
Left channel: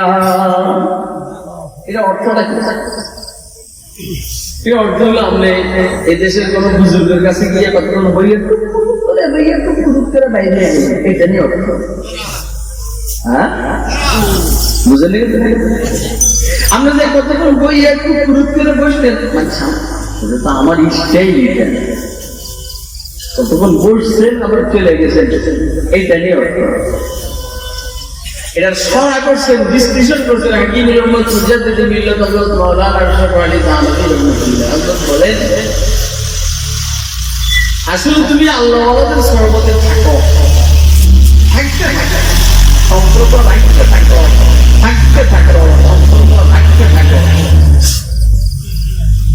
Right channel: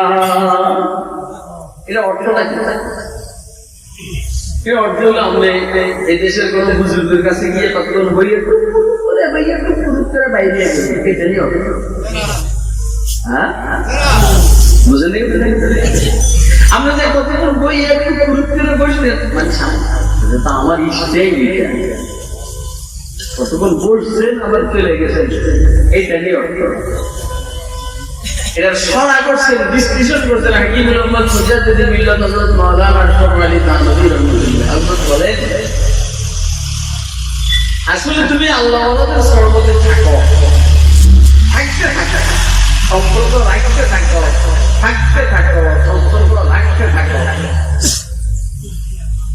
এটা অর্থটা কি অর্থ হলো আপনি এই দেশের কোন বুজুর্গের কাছে গিয়ে কতক্ষণ বইয়ে একটু পুরুষ করে বাইরে এটা নিয়ে অর্থ। হ্যাঁ বুঝলেন, আমরা যে কতক্ষণ বইয়ে একটু পুরুষ করে বসলেন মানে এটা তো আমার ইচ্ছাই কতক্ষণ বসছেন আবার চলে গেছেন এইটা নিয়ে অর্থ। এটার সরা করছেন, বিশ্লেষণ করছেন হাকিম মোহাম্মদ মুজাদ্দিদ মিল্লাত হযরত মাওলানা আশরাফ আলী থানভী রাহমাতুল্লাহ আলাইহি বলেন, আসলে তুমি আল্লাহওয়ালাদের সহবতে থাকো, থাকতে থাকো, সম্পর্ক রাখতে থাকো, থাকতে থাকো, সম্পর্ক রাখতে থাকো।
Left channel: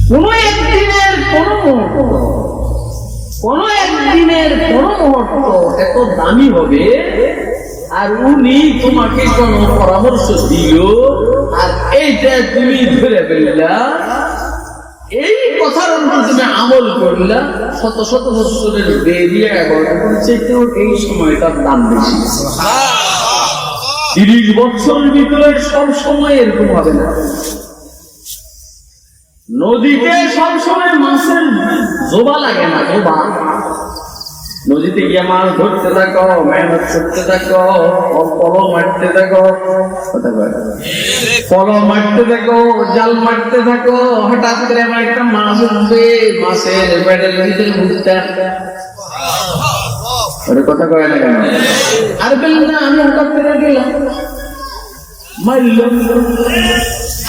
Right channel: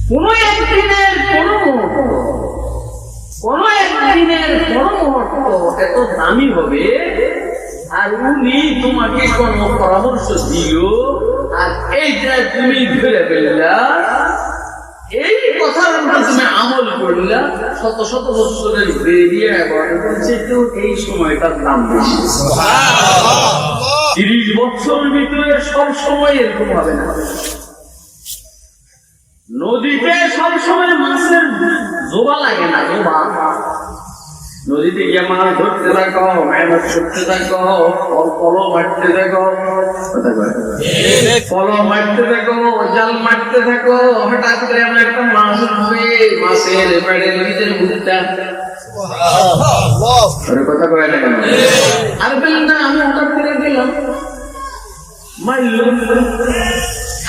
কোন একদিনের কোন মুহূর্ত এত দামি হবে আর উনি তোমাকে কোন পরামর্শ দিল আর এইটা তুমি ধরে ফেললা, এই কথার উপর তুমি আমল করলা, শত শত বছরের বেরিয়ে চেতেও এই সময়টার দাম বেশি। 30 বছর ভিতরে সব সময় এরকম হবে না। নদীতে সব সময় মাছের জোবা লাগে না, জোবা। নদীতে গিয়ে মাছ ধরতে থাকো, মেহনত করতে থাকো, পলো মারতে থাকো, জাল মারতে থাকো, হঠাৎ করে আমার একটা মাছ উঠবে, মাছের পেটের ভিতরে মুখটা কথা কয় না কেন? আর বললেন না আমি হঠাৎ করে গেলাম মারলাম,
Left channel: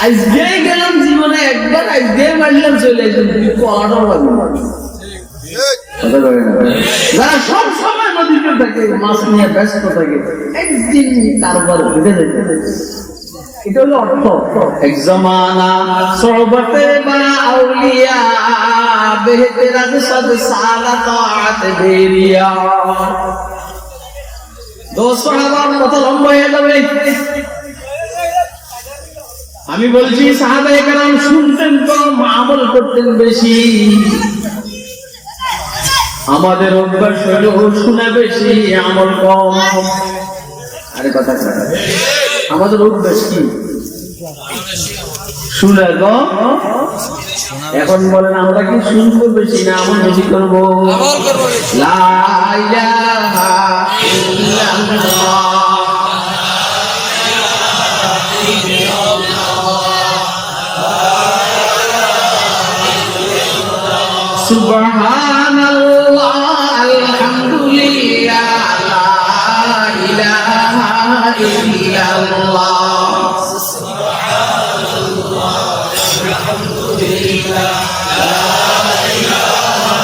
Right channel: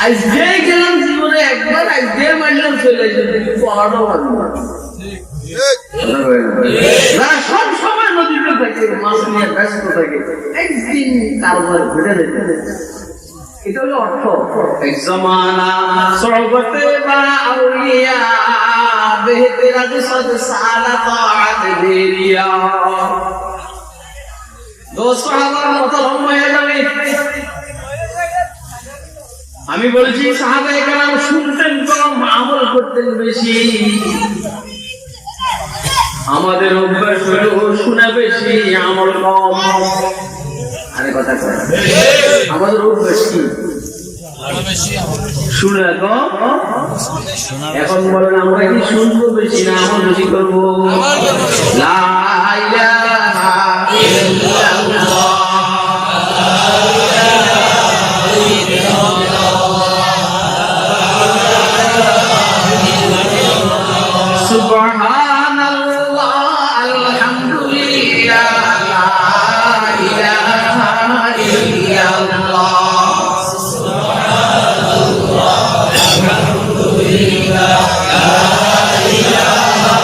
আজকে গেলাম জীবনে একবার, আজকে মারলাম চলে আসলাম, পলাটাও লাগবে। সব সময় নদীতে থাকে, মাছ নিয়ে ব্যস্ত থাকে, একদিন কারোবার ঘুরে যেতে, এটা হলো অর্থ। এক জমানা সহবতে বা আউলিয়া বেহতের সাদ সারা তাআত বেরিয়া। দোস্ত সাহাবার কথা লম্বা হয়ে যাবে, আমি বলছি সাহাবায়ে কেরাম শুনতেন কম, আমল করতেন বেশি। আমাদের অভ্যাস হলো শুনে বেশি, আমল কম। আরে কথা কয়, আমাদের অভ্যাস কি? শুনে কম। এখন বলেন আমরা কি শুনবো বেশি না আমল বেশি করবো? লা ইলাহা ইল্লাল্লাহ সুবহানাল্লাহ আলহামদুলিল্লাহ লা ইলাহা ইল্লাল্লাহ সুবহানাল্লাহ আলহামদুলিল্লাহ লা ইলাহা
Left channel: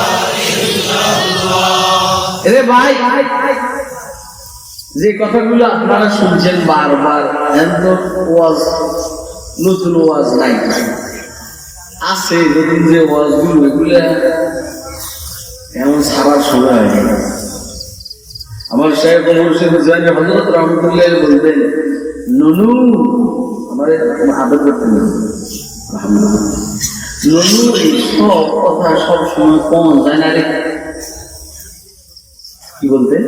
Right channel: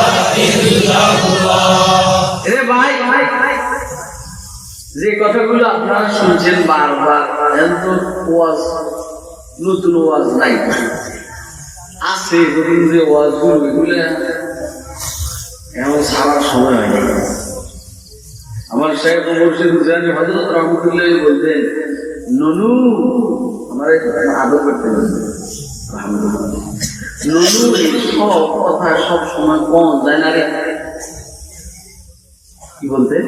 ইল্লাল্লাহ। এ ভাই যে কথাগুলো আপনারা শুনছেন বারবার, এত ওয়াজ নতুন ওয়াজ নাই আছে, যখন যে ওয়াজগুলো এগুলো এমন সারার সময় হয় না। আমার শাইখ মুর্শিদ হুসাইন হযরত রাহমাতুল্লাহ বলতেন, ননু আমার আদর করতেন, ননু এই সব কথা সব সময় কোন যায় না রে। কি বলতেন?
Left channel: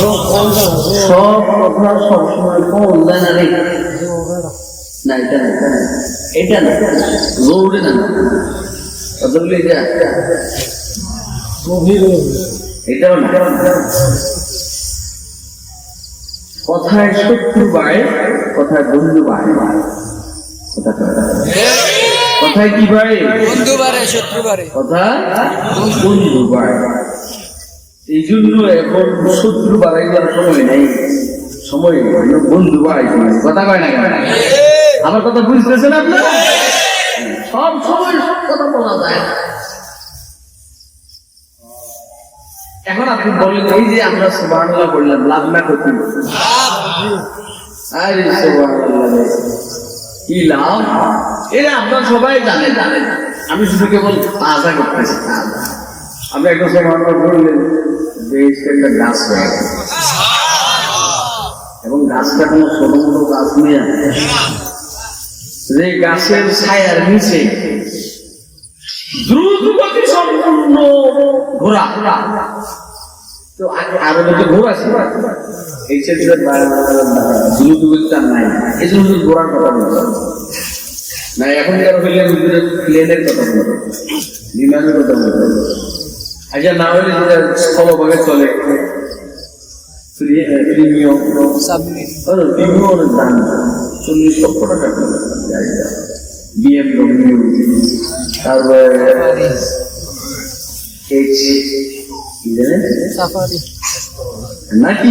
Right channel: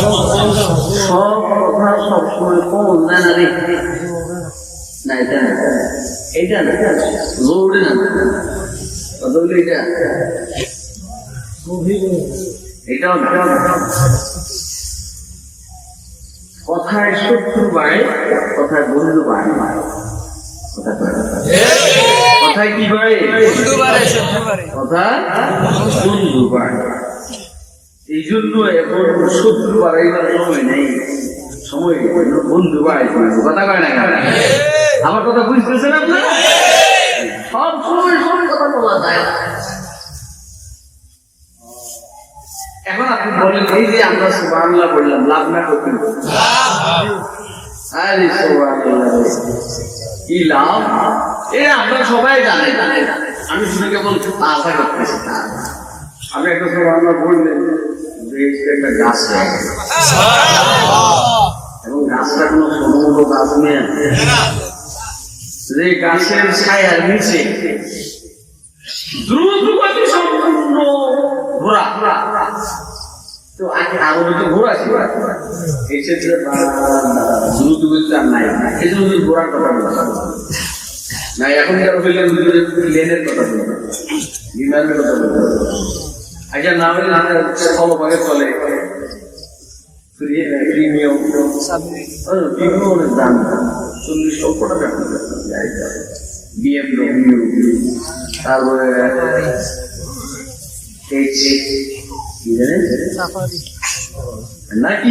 সব কথা সব সময় কোন যায় না রে। না এটা না, এটা না, জরুরি না, এটাও না। কথায় শত্রু বাড়ে, কথায় বন্ধু বাড়ে, কথায় কি বাড়ে? বন্ধু বাড়ে, শত্রু বাড়ে, কথায় বন্ধু বাড়ে। এই জন্য এখন শত্রু বাড়াইবার সময় নেই, সময় বন্ধু বাড়াই। কথা কয় না কেন? আমার কথা বুঝতেছেন আপনারা? সব সময় সব কথা বলা যায় না। এখন আপনি বলেন, এই যে আমরা সুবহানাল্লাহ বললাম, লাভ না করতে? আরে সুবহানাল্লাহ কি লাভ? এটা আপনারা সবাই জানে, আমি শুধু কেবল তাজা করতেছি। আমি একটা সুবহানাল্লাহ বললেন যে একটা গাছ হয়ে গেছে, এবং গাছটা কোনো ছোট মোটো গাছ নিয়ে, যে গাছের ছায়ার নিচে দ্রুত গতি সম্পূর্ণ ঘোরা, তো আগে তো ঘোরা ছিল, এই ক্ষেত্রে দ্রুত গতিটা নাই, এই জন্য ঘোরার কথা বলছিলাম। না এখনকার হইলে হুজুরের প্লেনের কথা বলবো, বিমানের কথা বলবো। আচ্ছা না হলে আমরা স্থলভাগে চলে প্রিমিয়াম অনেক দাম, 40 লক্ষ টাকা গাড়িটা, BMW, তারপরে নাকি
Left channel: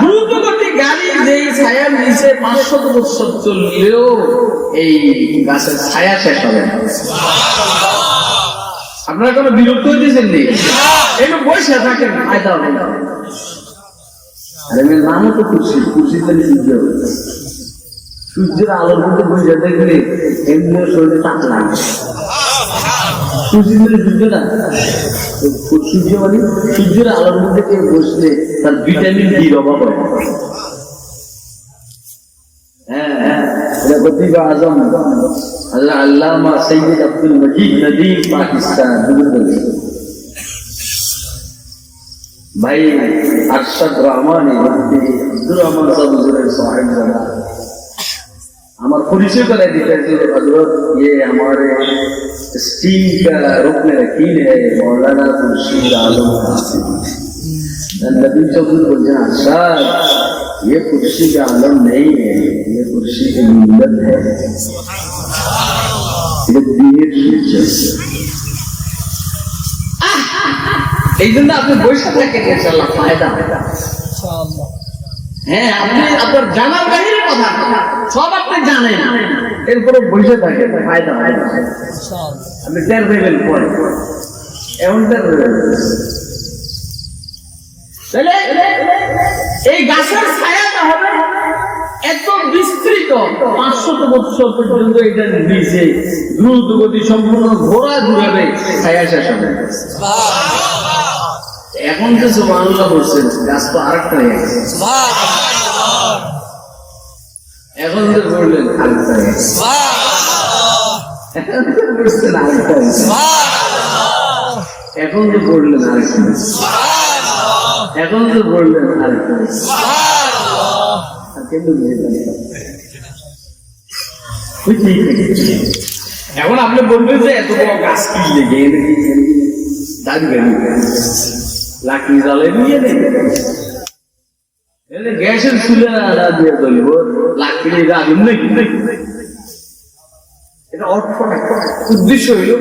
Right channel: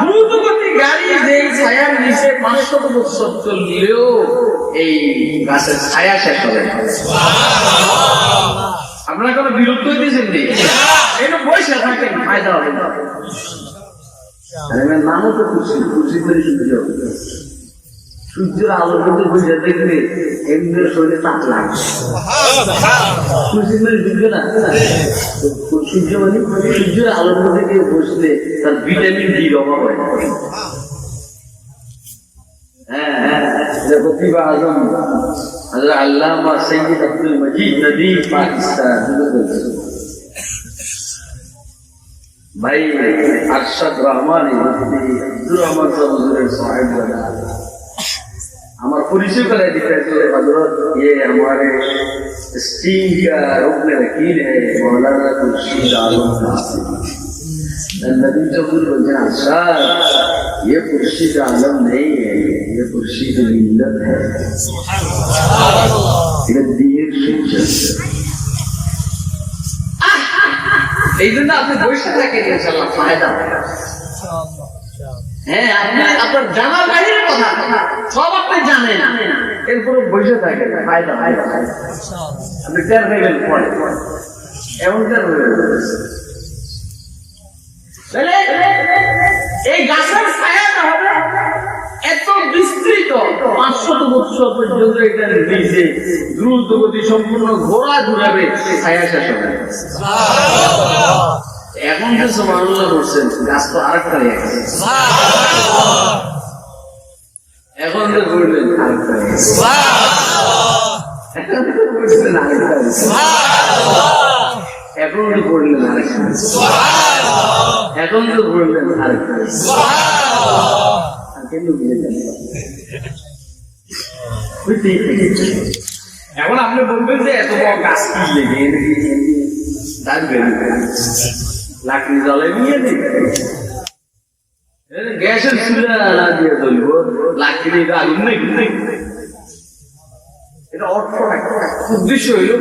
দ্রুত গতি গাড়ি যে ছায়ার নিচে 500 বছর চললেও এই গাছের ছায়া শেষ হবে না। আপনারা কোনো বিরক্ত হইতেছেন নি? এবার বসে থাকেন, ফায়দা হবে না। নামও তো খুশি, খুশি করে সূর্য, সূর্যের আলোর মধ্যে বসে দেখলে এমনি শরীরে তাপ লাগে। খুশি করে সূর্য না, সূর্য মানে সূর্যের আলোর মধ্যে কেউ বসলে তার ভিটামিন ডির অভাব হয়। প্রতিভা আজম আল্লামা সৈয়দ আব্দুল মজিদ নদীম পাকিস্তান भाई अरशद रहमान अब्दुल रहमान साहब हुजूर साहिब हमारा परिचय करा देते थे हजरत, ये हमारे स्टीम का रुकन वकील है मौलाना खुर्शीद आलम कासिम। नबी चौधरी बोलते हैं अरशद ये खुर्शीद आलम नहीं है, ये खुर्शीद मिल्लत है, ये दीर शिद्दत। এই জন্য আপনি বসে থাকেন, ইনশাআল্লাহ ফায়দা হবে। হ্যাঁ, আপনি আপনার জানার বাইরে কথা সব আপনি জানেন, এরপরে বসে থাকেন, ফায়দা হবে। আপনি কেন দেবেন পরে এমনটা এই গাছের ছায়াটা হবে এত বিস্তৃত 500 বছর পর্যন্ত এটা নিচে দ্রুত গতি সম্পূর্ণ ঘোরা ঘুরাবে, ছায়া শেষ হবে। এখন যে সুবহানাল্লাহ বলছেন, গাছ তো আরেকটা হয়ে গেছে। এখন যে বললেন আরেকটা হয়ে গেছে, এখন যে বলছেন আরেকটা হয়েছে, এখন যে বললেন আরেকটা হয়েছে, এখন যে বললেন আরেকটা হয়েছে। এখন আপনি বলবেন যে এত বড় গাছ কি লেগে লাকড়ি জ্বালাই নিয়ে গ্যাসের চুলা দিয়ে চলব, লাকড়ির আগুন নাকি? এটা অর্থ উদ্দেশ্য হইল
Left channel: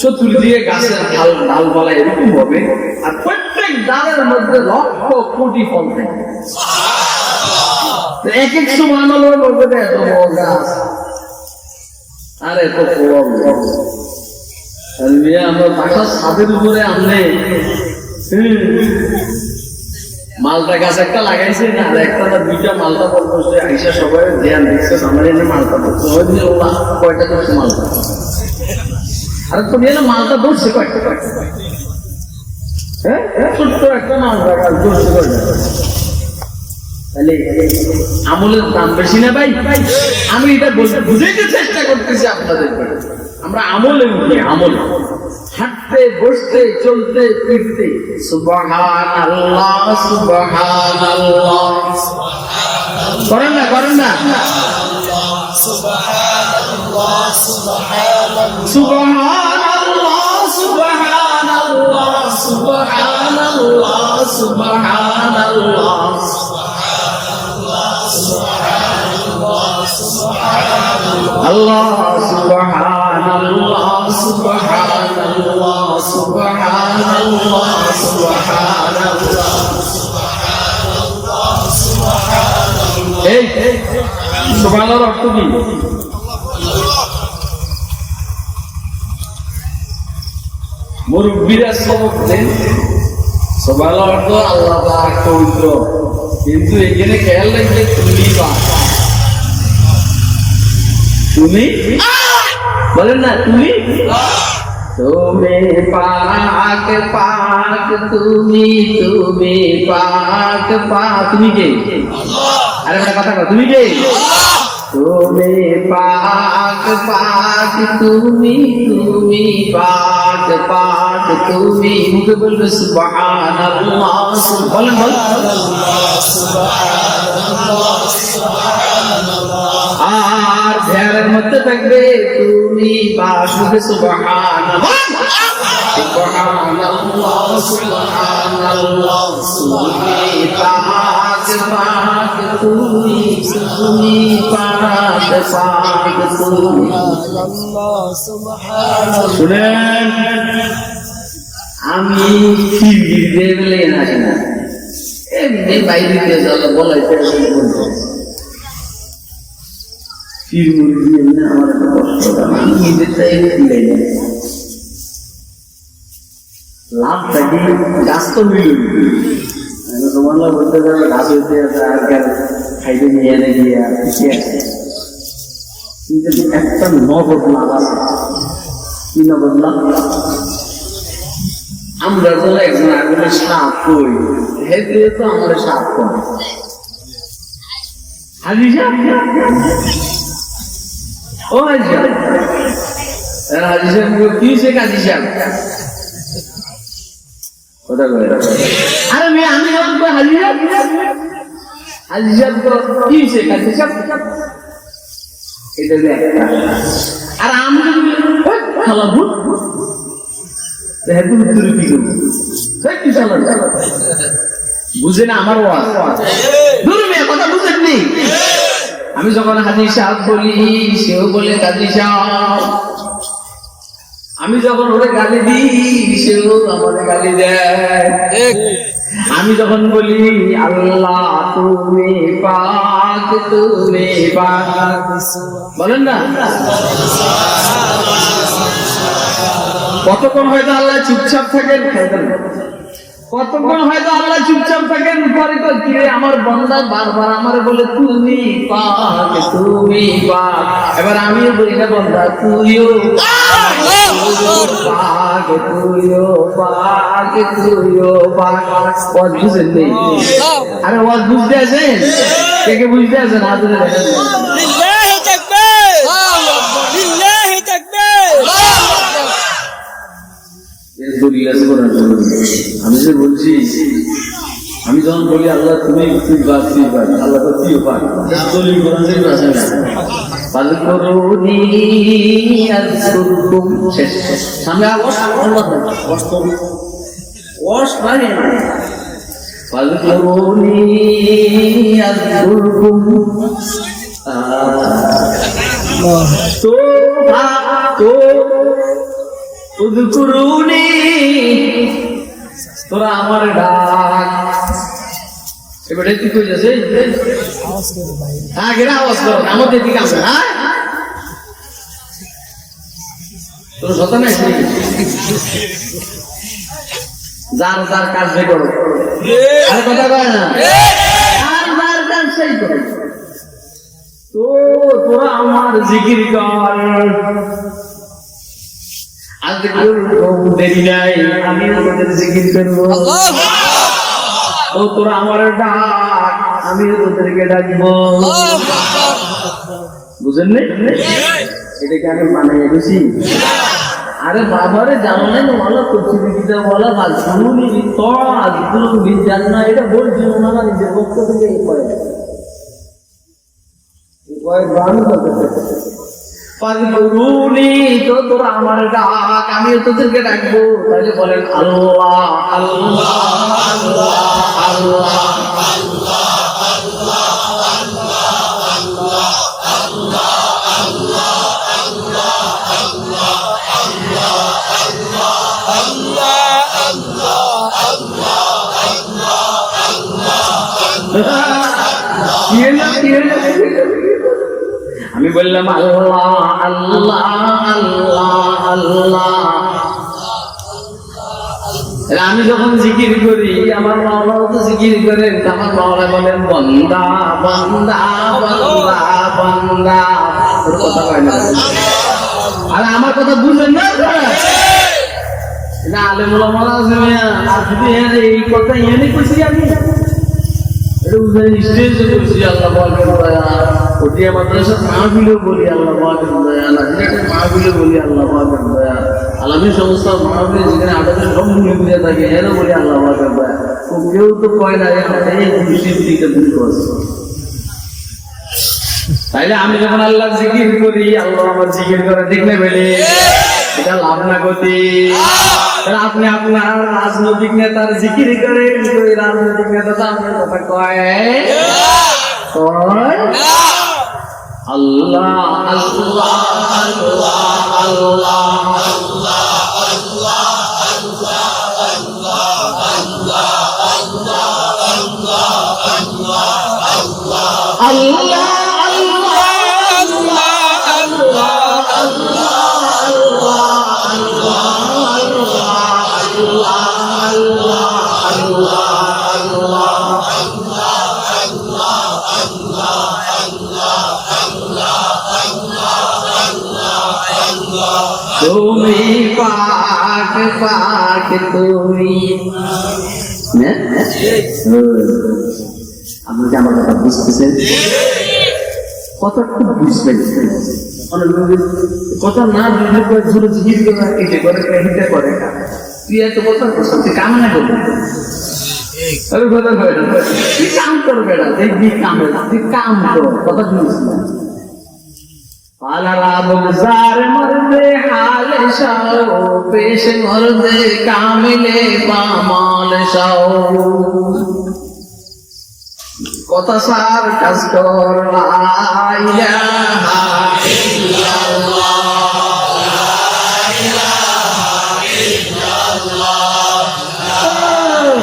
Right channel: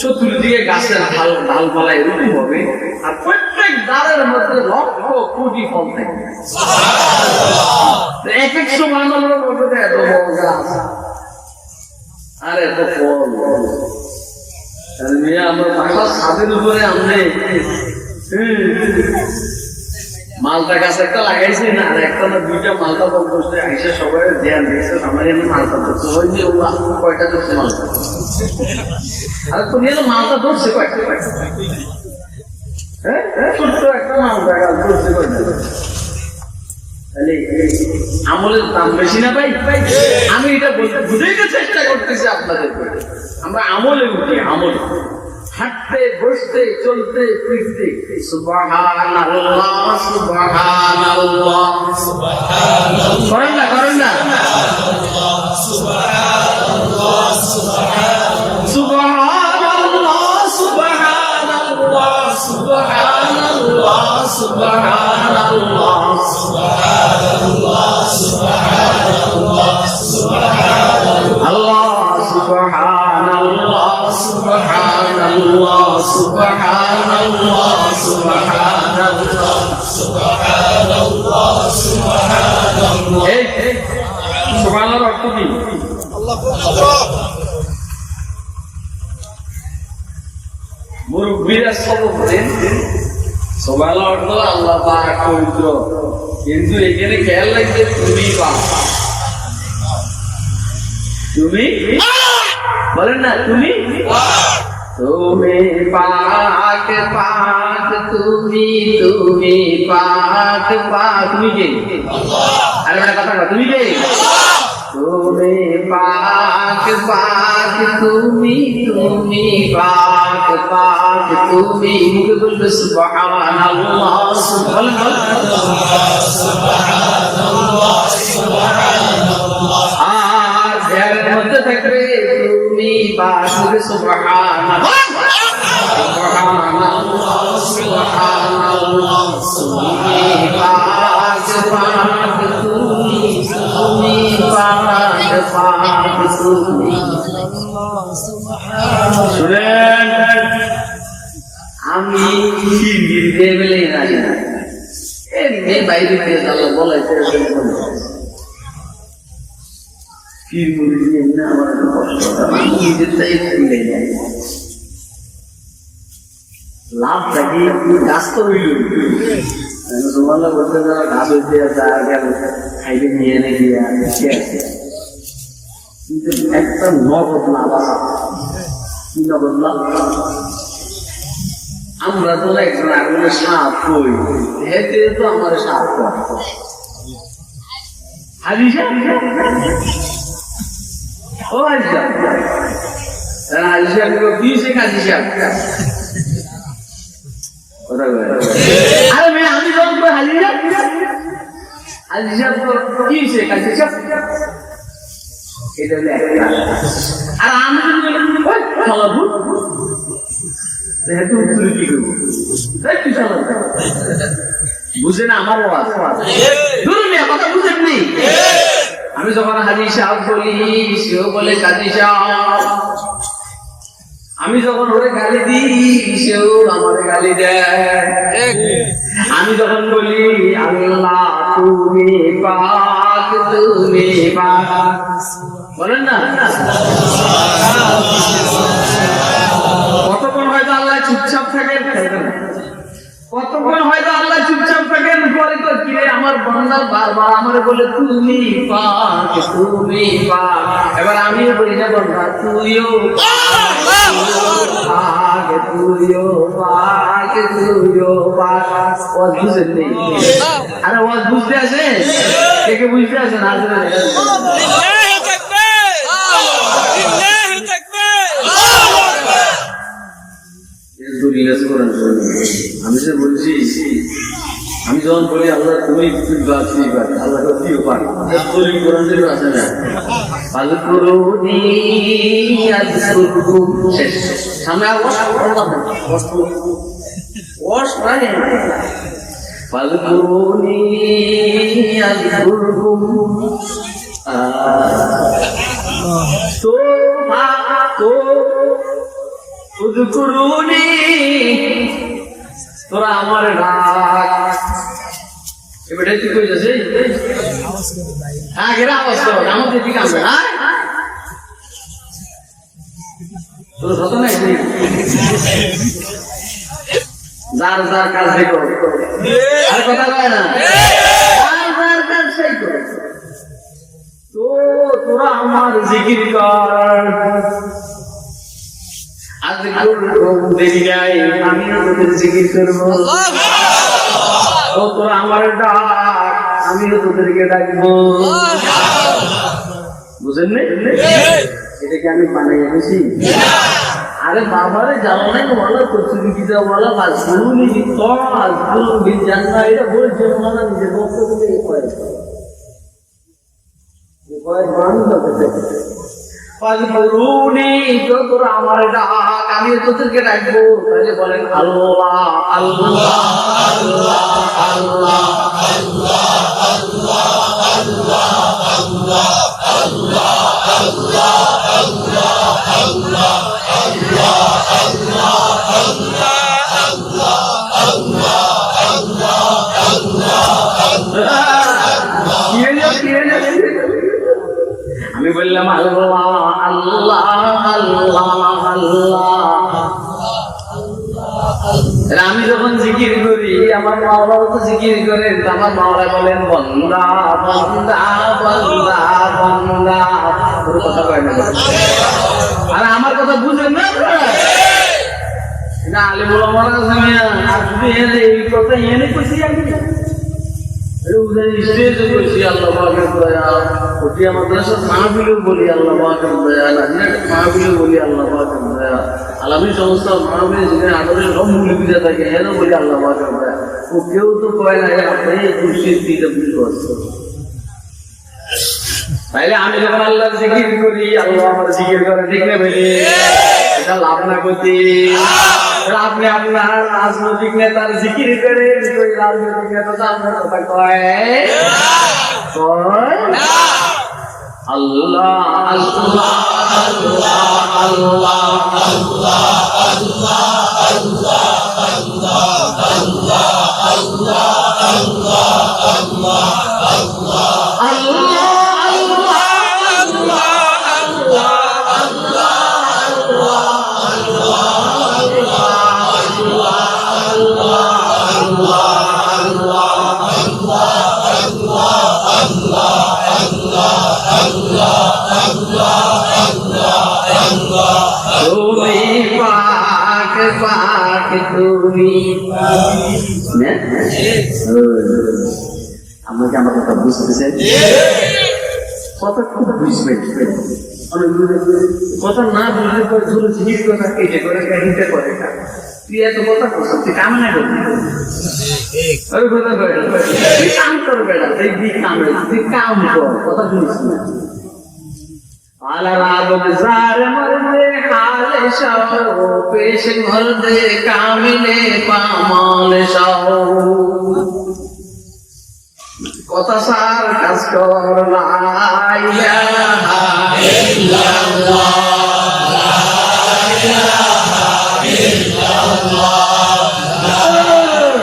চতুর দিয়ে গাছের ডালপালা এরকম হবে, আর প্রত্যেক ডালের মধ্যে লক্ষ কোটি ফল থাকে। এক এক সময় বলবে এত বড় গাছ আর এত ফল। আমার বাসার ছাদের উপরে আমনে মালটা গাছ একটা লাগাইছে না, আর একটা না দুইটা মালটা ফল করছে, আইসা সবাই ধ্যান দিচ্ছে আমার এনে মালটা ধরছে, কয়টা ধরছে মালটা, আর তুমি এনে মালটা ধরছে কয়টা, হ্যাঁ ছোট্ট একটা মালটা গাছ ধরছে কয়টা। তাহলে আমলের দাম বেশি না ভাই? আমি এটা বলতে বুঝাইতে চেষ্টা করতেছি আপনাদের, আমরা আমলে উঠি, আমল হাঁটতে বসতে চলতে ফিরতে সুবহানাল্লাহ সুবহানাল্লাহ করেন না, করেন না সুবহানাল্লাহ সুবহানাল্লাহ সুবহানাল্লাহ সুবহানাল্লাহ Allah subhanallah subhanallah subhanallah subhanallah subhanallah subhanallah এই সুবহানাল্লাহর অর্থ কি? মুরব্বিরা সবক দেন সুবহানাল্লাহ অর্থ আল্লাহ পাক পবিত্র, কিন্তু এখানে খেয়াল রাখবে তুমি বা তুমি বলেন না, তুমি তুমি পাক পাক তুমি তুমি পাক পাক, তুমি কে? আরে একটা কথা কও, তুমি কে? তুমি পাক পাক তুমি তুমি পাক পাক তুমি মুখে বলবে সুবহানাল্লাহ বলেন বলেন আর ধ্যানের মধ্যে থাকবে তুমি পাক মুখে সুবহানাল্লাহ সুবহানাল্লাহ সুবহানাল্লাহ তুমি পাক পাক তুমি তুমি পাক পাক তুমি শুনেন আমি ফিরগির দিয়ে বলে আসি না এমনি বাইরে দিয়ে আল্লাহ বলাইতে ফির মুড়ি দিয়ে না আমার একটা কষ্ট আমি নিজের চাই দিলাই না লাভ থাকি গাছ তো হইল তোমার বলতে গাছ হইতে আছে আর গেল খাইতে নিয়ে এনে গিয়া ঠিক আছে কিন্তু একটা নগদ লাভ আছে কি নগদ লাভ আমরা তো একজন আগুনে সাপ কই হেতে তো আমার সাপ কম হাজি সাহেব ও হাজি সাহেব হাজি সাহেব কি সে কাজী সাহেব আরে মেয়ে আমি যখন হাজি সাহেব হাজি সাহেব কি সে কাজী সাহেব এটা একটা আর আমি যদি খালা ভূত উত্তর কি করবো বুঝে না আমার কথা বুঝেননি আমি যখন হাজি সাহেব বলি সেও বলে কাজী সাহেব আমি যখন ওরে গালি দিই সেও আমাকে গালি দেয় আমি যখন বলি আল্লাহ তুমি পাক তুমি পাক বলেন না কতক্ষণ হয়তো আল্লাহ চুপচাপ থাকেন কতক্ষণ হয়তো আল্লাহ চুপচাপ থাকেন পরে তো কিরে আমার বান্দা বারবার আমার বলে তুমি পাক তুমি পাক এবার আমিও বলি না বান্দা তুইও পাক তুইও পাক তুইও পাক ওয়াজ বুঝেন নেই আরে ওয়াজ বুঝতে আছেন কে কে বুঝতে আছেন হাজিরা দেখেন আমি যে বলছি আমি যখন বলি আল্লাহ তুমি আল্লাহ তো কি পাক সামনে তোরা আমার ডাক এবার কি কই যাচ্ছে আগের আওয়াজ করো আমাদের দিকে আমরা তোর সত নাই যার যার কাজ যে করো আর কথা কয় না যার যার কাজ সেই করো তো তোরা আমার জিকির কর আজকে দেখি নাই আমিও তোদের জিকির করবো ও তোরা আমার ডাক আমিও তোদেরকে ডাকবো বুঝেন নাই এটাকে আমি বানাই বুঝি আরে বাবারে জানো নাই বলা তফসিলি কিতাব বলা ফাজকুরুনি তো আজকুরুনি জান্না এটা বলছে ওনারা নিজের পক্ষ থেকে এই কয়েক বানানো করতে ফাজকুরুনি তো তোরা আমার ডাক আমি তোদেরকে ডাকবো তাহলে বলেন আল্লাহ আল্লাহ আল্লাহ আল্লাহ আল্লাহ আল্লাহ আল্লাহ আল্লাহ আল্লাহ আল্লাহ আল্লাহ আল্লাহ আমি বললাম আল্লাহ আল্লাহ আল্লাহ আল্লাহ আমি যখন জিকির করি আমার মাওলাও তো জিকির করেন আমার মাওলা বলেন বন্দা বন্দা বন্দা বন্দা কথা কয় না আর আমার কথা বুঝেন না আলিমুল মানা এই কথা এনে কইছি আমি স্টেজে বলছি আল্লাহ পাকের দয়া, ওটিয়া মাদ্রাসার মাহফিলেও বলি আল্লাহ পাকের দয়া, নাজিরাটের মাহফিলে বলি আল্লাহ পাকের দয়া, আলামী সংস্থার মাহফিলে যেখানে আঠারো সব মুরব্বীরা থাকে এরও বলি আল্লাহ পাকের দয়া। ও কেউ তো কয় না এই খুশির দিকে দুঃখ আছে। তাইলে আমি যখন আল্লাহ জিকির করি, আল্লাহ আমার জিকির করে দেখলে বলি এটা লাভ না গতি। আপনি আপনার রাজনৈতিক নেতার জিকির করে, ওই রাজনৈতিক নেতা তো আপনার কথা কয় আল্লাহ আল্লাহ আল্লাহ আল্লাহ তুমি পাক পাক তুমি। আপনি কি আমার কথা বুঝতেছেন? কথা খুব বুঝবেন, কথা না বুঝলে পরে ধরে ঝিল করে কেটে করে হিতে করে তুই এত কথা করছ, তুই কাম না করবি ওই কথা কয়টা তুই কাম কর বেড়া, দেখবি কামে তুই কাম কর, কথা শুনিস না। আলারা বগজার মর্দে হালে শাও, পেশ মর্দে কামিলে পামাল শাও। কথা সার কাজ কর লা ইলাহা ইল্লাল্লাহ লা ইলাহা ইল্লাল্লাহ।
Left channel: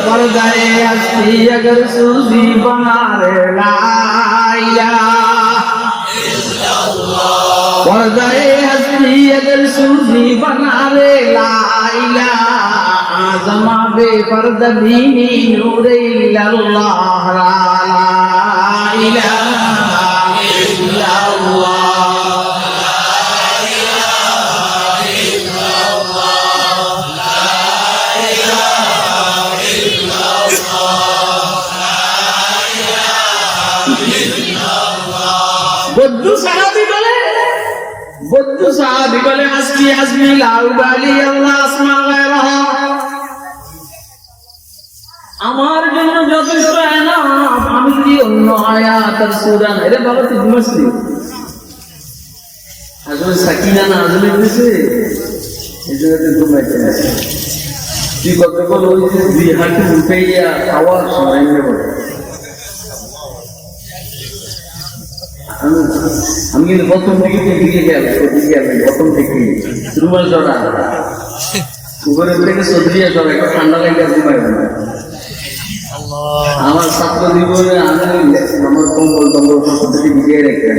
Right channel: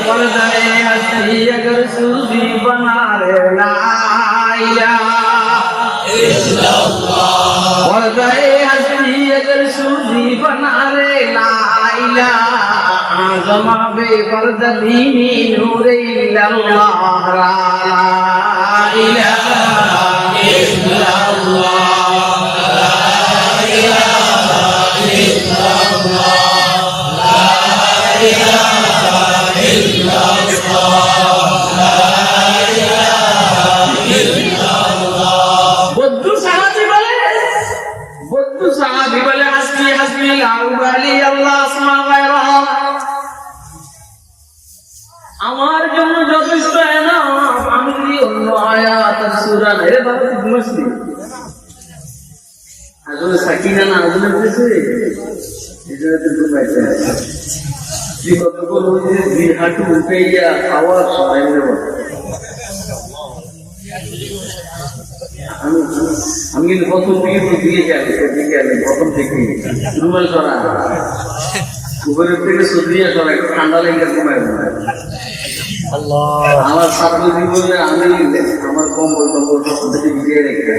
পর্দায়ে হস্তি अगर सूजी बना रे ला इलाहा इल्लल्लाह। पर्दाए हस्ती अगर सूजी बना रे ला इलाहा, आज़मा बेपर्दा दीनी नूरे इल्लल्लाह ला इलाहा इल्लल्लाह ला इलाहा इल्लल्लाह ला इलाहा इल्लल्लाह। बद्दू साहबी বলে হাসবি হাসবি লা উবালি আল্লাহ আসমা গায়রাহা, আমার জন্য যথেষ্ট না, আমি কি অন্য আয়াত আর সূরা নাই রে বাবা? তুই ঘুমাসনি আসলে সাকিনা না আসলে বুঝছে এই জন্য তুই ঘুমাইতে আসে। তুই কতক্ষণ ওই যে দুই হাঁটু উঠাইয়া খাওয়ার সময় নেব। আমি কিন্তু প্রথম থেকে তো দিকে গেলে প্রথম থেকে রুমাল চড়া উপরের থেকে সদরিয়া চড়া, একটু ঠান্ডা লাগে ঘুমায় ঘুমায়। আমার ছাত্র জীবনে আমি আমার কম্বল থেকে ভিজিয়ে রেখে,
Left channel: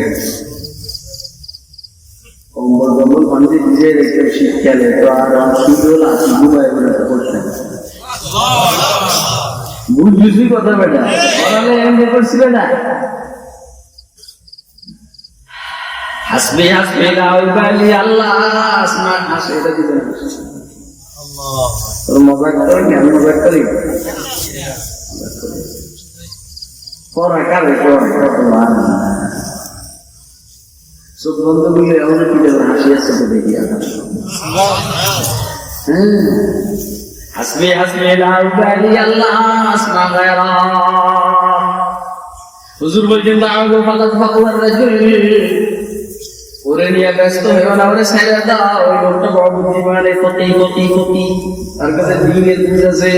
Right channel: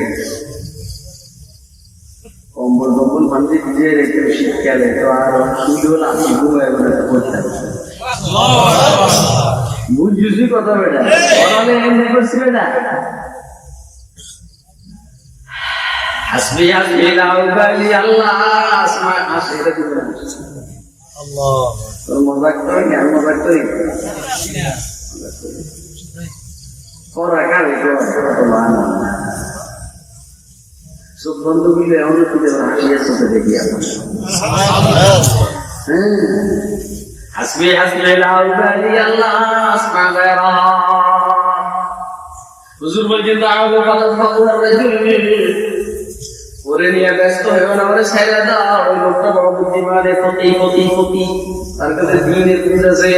কম্বল পানিতে ভিজিয়ে রেখে শীতকালে তো আর সুন্দর আসি ঘুমায় ঘুমাতে করতাম। বুঝছি কথা বেটা, বলালে এমনি করছিলে না। হাসবি হাসবি লা উবালি আল্লাহ আসমা হাসে, এটা দিবে না আল্লাহ। তোর মজাক করে কি আমি মজাক করি? পড়া কারে চোখ বন্ধ দিলে এমন কি দেবেন হাসি আসছে দেখি আমার। হাসবি হাসবি লা উবালি আল্লাহ আসমা গায়রাহা। হুজুর বলছেন দাওগো ফালাত ফাকুর রাজুল, ওরে নিয়ে ব্যস্ত হয়েও না, ওরে ছেড়ে দাও। ওই লোকটা বড় বুদ্ধিমানে ক্ষতি তার কাছে দিনের বুঝ আছে,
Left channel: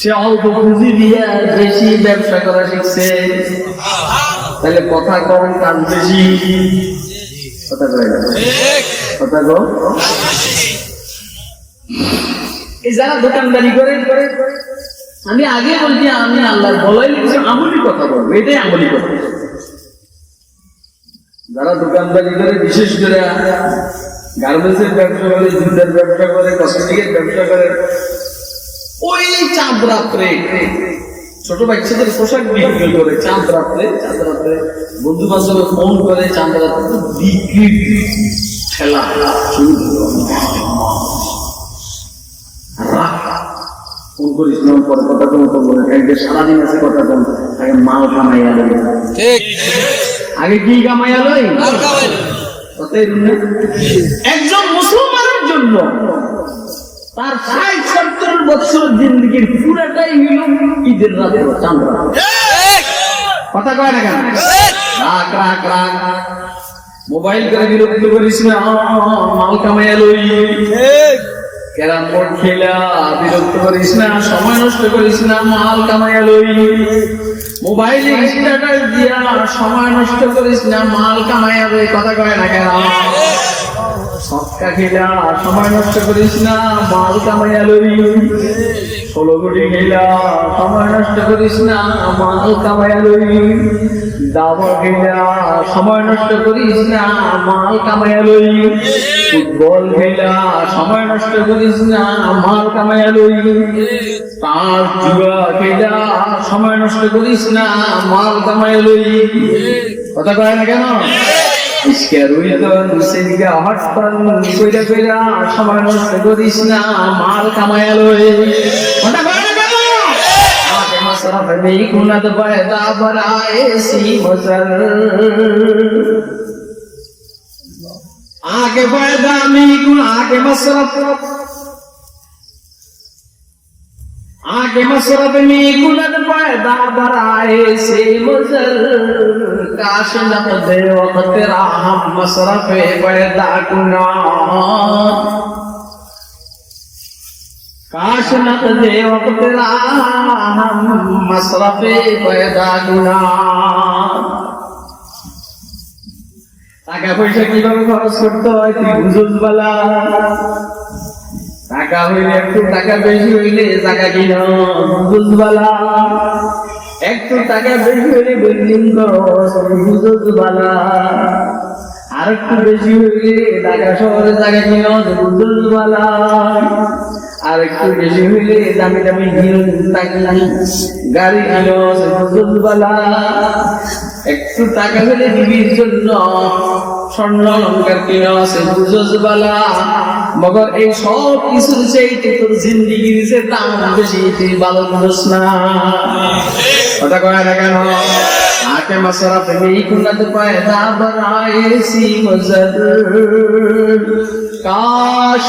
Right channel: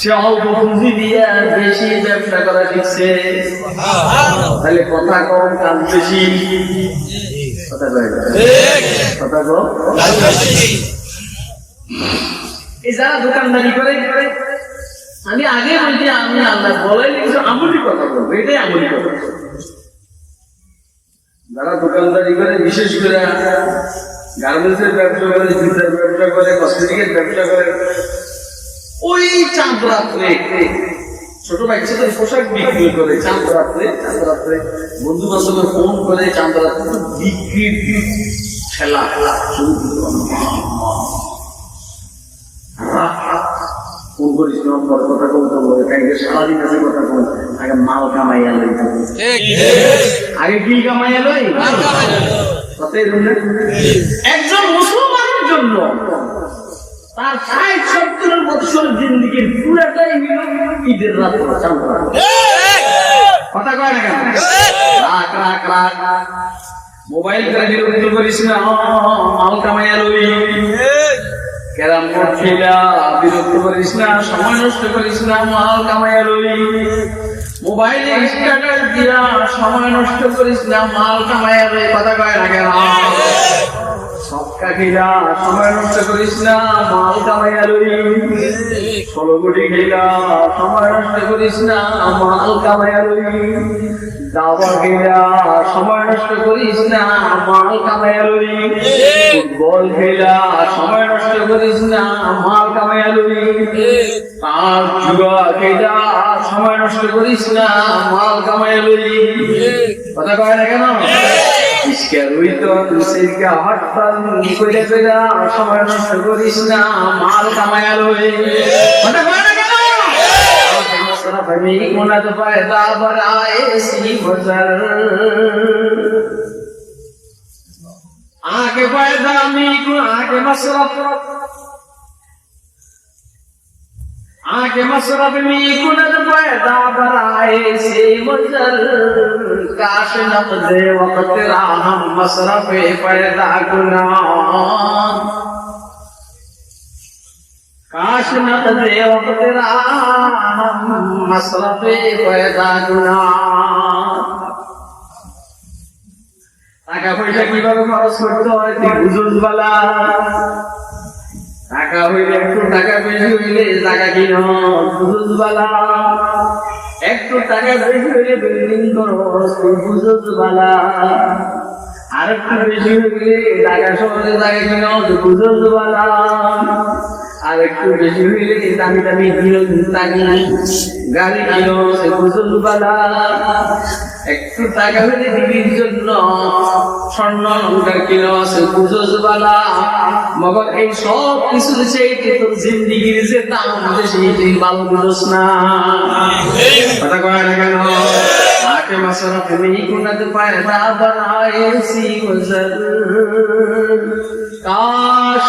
সে অল্প পুঁজি দিয়ে বেশি ব্যবসা করা শিখছে। তাহলে কথা কম কাজ বেশি, কথা কয় কথা কম। এই যারা দোকানদারি করে, আমি আগে বলছি আমি আল্লাহ বলাই কিছু আমলি কথা বলবো, এটাই আমলি কথা। যারা দোকানদারি করে, বিশেষ করে গার্মেন্টসের ব্যবসা করে, জুতার ব্যবসা করে, কসমেটিকের ব্যবসা করে, ওই চাঁদ রাত্রে ছোট বাচ্চাদের পোশাক বিক্রি করে, চাঁদ রাত্রে বন্ধু বান্ধবের ফোন করে, চাঁদ রাত্রে বিক্রি ঠেলা শুরু হলো। ফোন করিস না পরে কথা কম করবো সারাদিন আছে কথা কম আগে মাল কামাইয়া লই আগে কি কামাইয়া লই একজন মুসলমানের জন্য তার ৬০-৭০ বছর জিন্দিগির পুরাটাই হইল ঈদের রাতে চাঁদরা কথা কয় না কেন রাখ রাখ রাখ মোবাইল করে বিরক্ত করিস না মাল কামাইয়া লই ক্যারাম বোর্ড খেলা বিরক্ত করিস না সময় নষ্ট করিস না মাল কামাইয়া লই মোবাইলে স্ট্যাটাস দিয়া সময় নষ্ট করিস না মাল কামাইয়া লই কথা কয় না কেন সৎকা খেলা সময় নষ্ট করিস না মাল কামাইয়া লই 16 কোটি খেলা সময় নষ্ট করিস না মাল কামাইয়া লই দাবা খেলা সময় নষ্ট করিস না মাল কামাইয়া লই ফুটবল খেলা সময় নষ্ট করিস না মাল কামাইয়া লই তার জুয়া খেলা সময় নষ্ট করিস না মাল কামাইয়া লই কথা কয় না কেন ইসকে রুইতন সিলকা হটপান কইরা কইরা সময় নষ্ট করিস না মাল কামাইয়া লই কথা কয় না কেন আকে মসরফ মি কুনাত পয়দা বরায়ে সি বজর आके पैदा मी आके मसरफ में कुलत पैदा बराए से मजर काश नक़दे वक़्त राहम मसरफ़े पैदा कुना काश नक़दे वक़्त राहम मसरफ़े पैदा कुना টাকা পয়সা কিভাবে খরচ করতে হয় তুই বুঝুস বালা টাকা হইলে একটু টাকা বেশি হইলে টাকা কিন বুঝুস বালা একটু টাকা বেশি হইলে বিল্ডিং করস তুই বুঝুস বালা আর একটু বেশি হইলে ঢাকা শহরে টাকা কিন বুঝুস বালা আর একটু বেশি হইলে দামি দামি গাড়ি কিন বুঝুস বালা একটু টাকা হলে দিবির জন্য স্বর্ণ অলঙ্কার কিনা আছে বুঝোস বালা মগর এই সব কিছুর চাইতে তোর জিন্দিগির যে দাম বেশি তুই ভালো বুঝোস না কথা কয় না কেন আকে মসরফ में कुनत पैदा बनाए सी वजर काश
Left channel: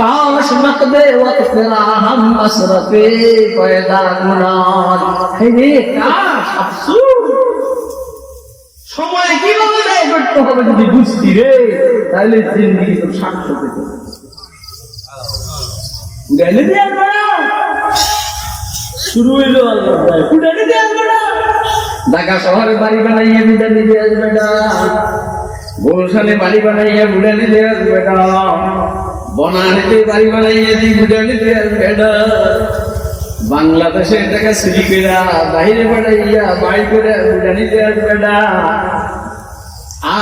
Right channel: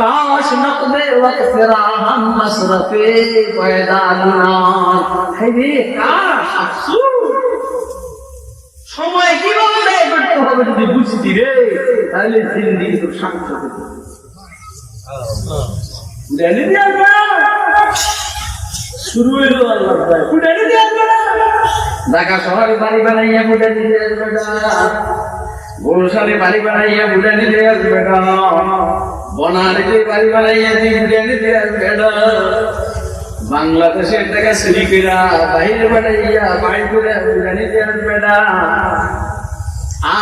काश नक़दे वक़्त राहम मसरफ़े पैदा गुनान है रे काश अफसोस সময় কিভাবে ব্যয় করতে হবে যদি বুঝতি রে তাহলে জিন্দিগি তো সার্থক হতো উড়ানে দিয়ে আসবে না শুরু হইলো আল্লাহ ভাই উড়ানে দিয়ে আসবে না ঢাকা শহরে বাড়ি বানাইয়া উড়ানে দিয়ে আসবে না গুলশানে বাড়ি বানাইয়া উড়ানে দিয়ে আসবে না বনানীতে বাড়ি বানাইয়া দিয়ে উড়ানে দিয়ে আসবে না বাংলাদেশের টাকা চুরি কইরা বাইরে পাঠাইয়া বাড়ি করে উড়ানিতে আসবে না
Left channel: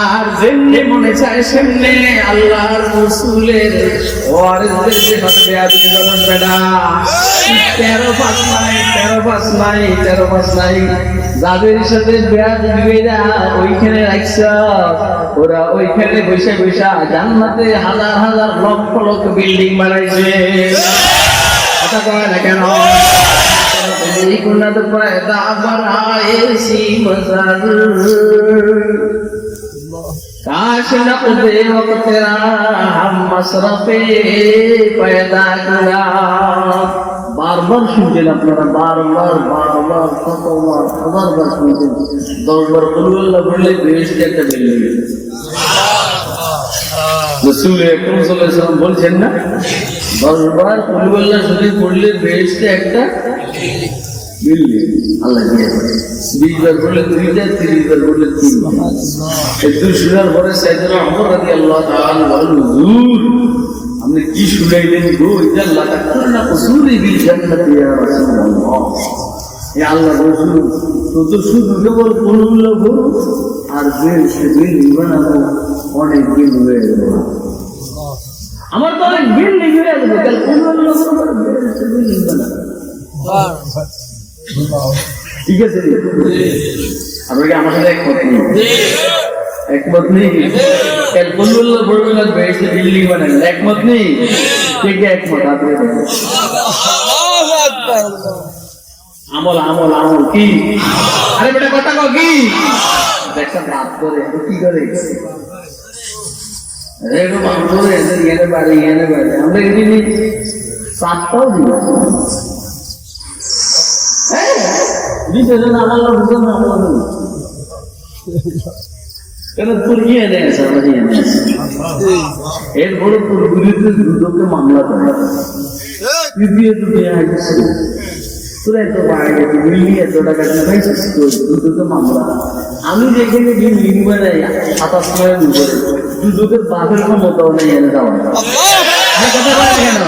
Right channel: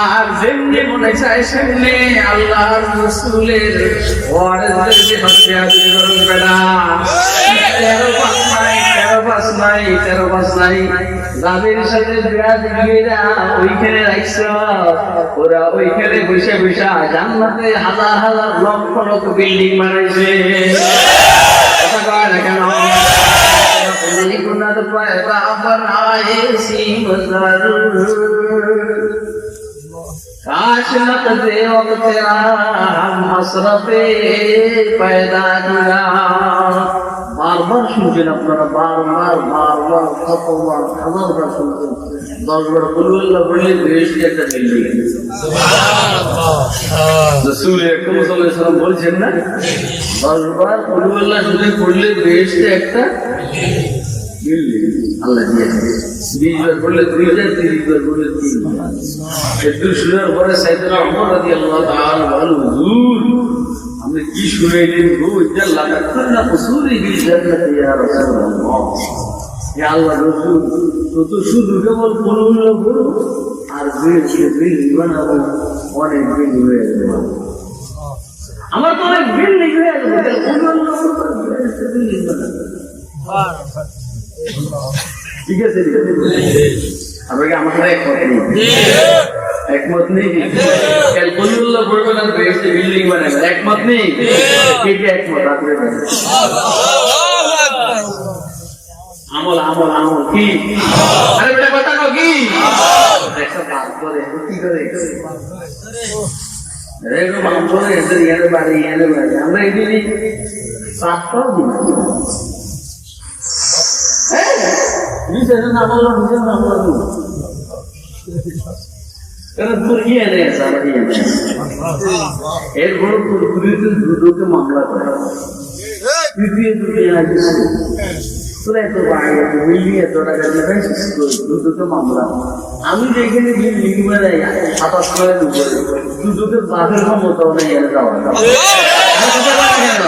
আর যেমনি মনে চায় সেমনি আল্লাহর রাসূলের ওয়ারিসদের হত্যা আদি করন বেটা 13 পাস নাই যাদের সাথে বিয়া দিবেরা ওইখানে রাখছ ওরা ওইখানে বসে বসে জান্নাতে হাজার হাজার লক্ষ লক্ষ বিল্ডিং বানাইছে কথা কয় না কেন कुनत पैदा बनाए सी मजर काश नक़दे वक़्त राहम मसरफ़े पैदा गुना বারবার শুনছেন আপনারা বারবার কতবার হাজারবার শুনছেন 10 বার কুল্লাহ পড়লে বেশি একটা বিল্ডিং রাসূল আকরাম সাল্লাল্লাহু আলাইহি ওয়াসাল্লাম বলছেন না 10 বার কুল্লাহ শরীফ পড়লে বেশি একটা বিল্ডিং আল্লাহ দিয়েছে 20 বার পড়লে 2000 30 বার পড়লে 3000 একটু শোনার পরে সাইয়েদনা ওমর রাদিয়াল্লাহু তাআলা বলেন হুজুর আপনি কি শুনাইলেন গো এটা আল্লাহ তাআলা উসুলি বিল জান্নাতি ইয়া রাসূলুল্লাহ ইয়া আল্লাহ রাসূল তো শুধু কেবল কুল্লাহ পড়ো আর বিল্ডিং বানাবো অনেক দিন হয়ে গেল আমার তো অনেক বিল্ডিং হয়ে গেল তাহলে কুল্লাহ পড়ো বিল্ডিং বানাবো ঠিক আছে আপনাকে আমার সাথে একমত নেই ক্যালকুলেটর পড়বে না বেশি বিল্ডিং বানাবেন একমত নেই কে কে একমত আপনি আমল আমল আমল কি? আরে বেটা কথা কও কি? দেখো বাদ করে কি করে? রেগো বাদ করে এদের এনে বাড়ি আমরা এদিনই পাঁচটাও দিই। বিশেষণ আমল তোর ইয়ে এনেছে আমার ইয়ে এনেছে এরপরে তোর বিরুদ্ধে দুটোকে মামলা করে তৃতীয় দুটোকে আইতেছে তোরা এত বাইরে বিল্ডিং এত টাকা দুটোকে মামলা। আমি যেখানে বিল্ডিং মানে 27 দুটোকে বাঘের ক্ষমতাও নেই এনে যাওয়া কথা বলা কেন?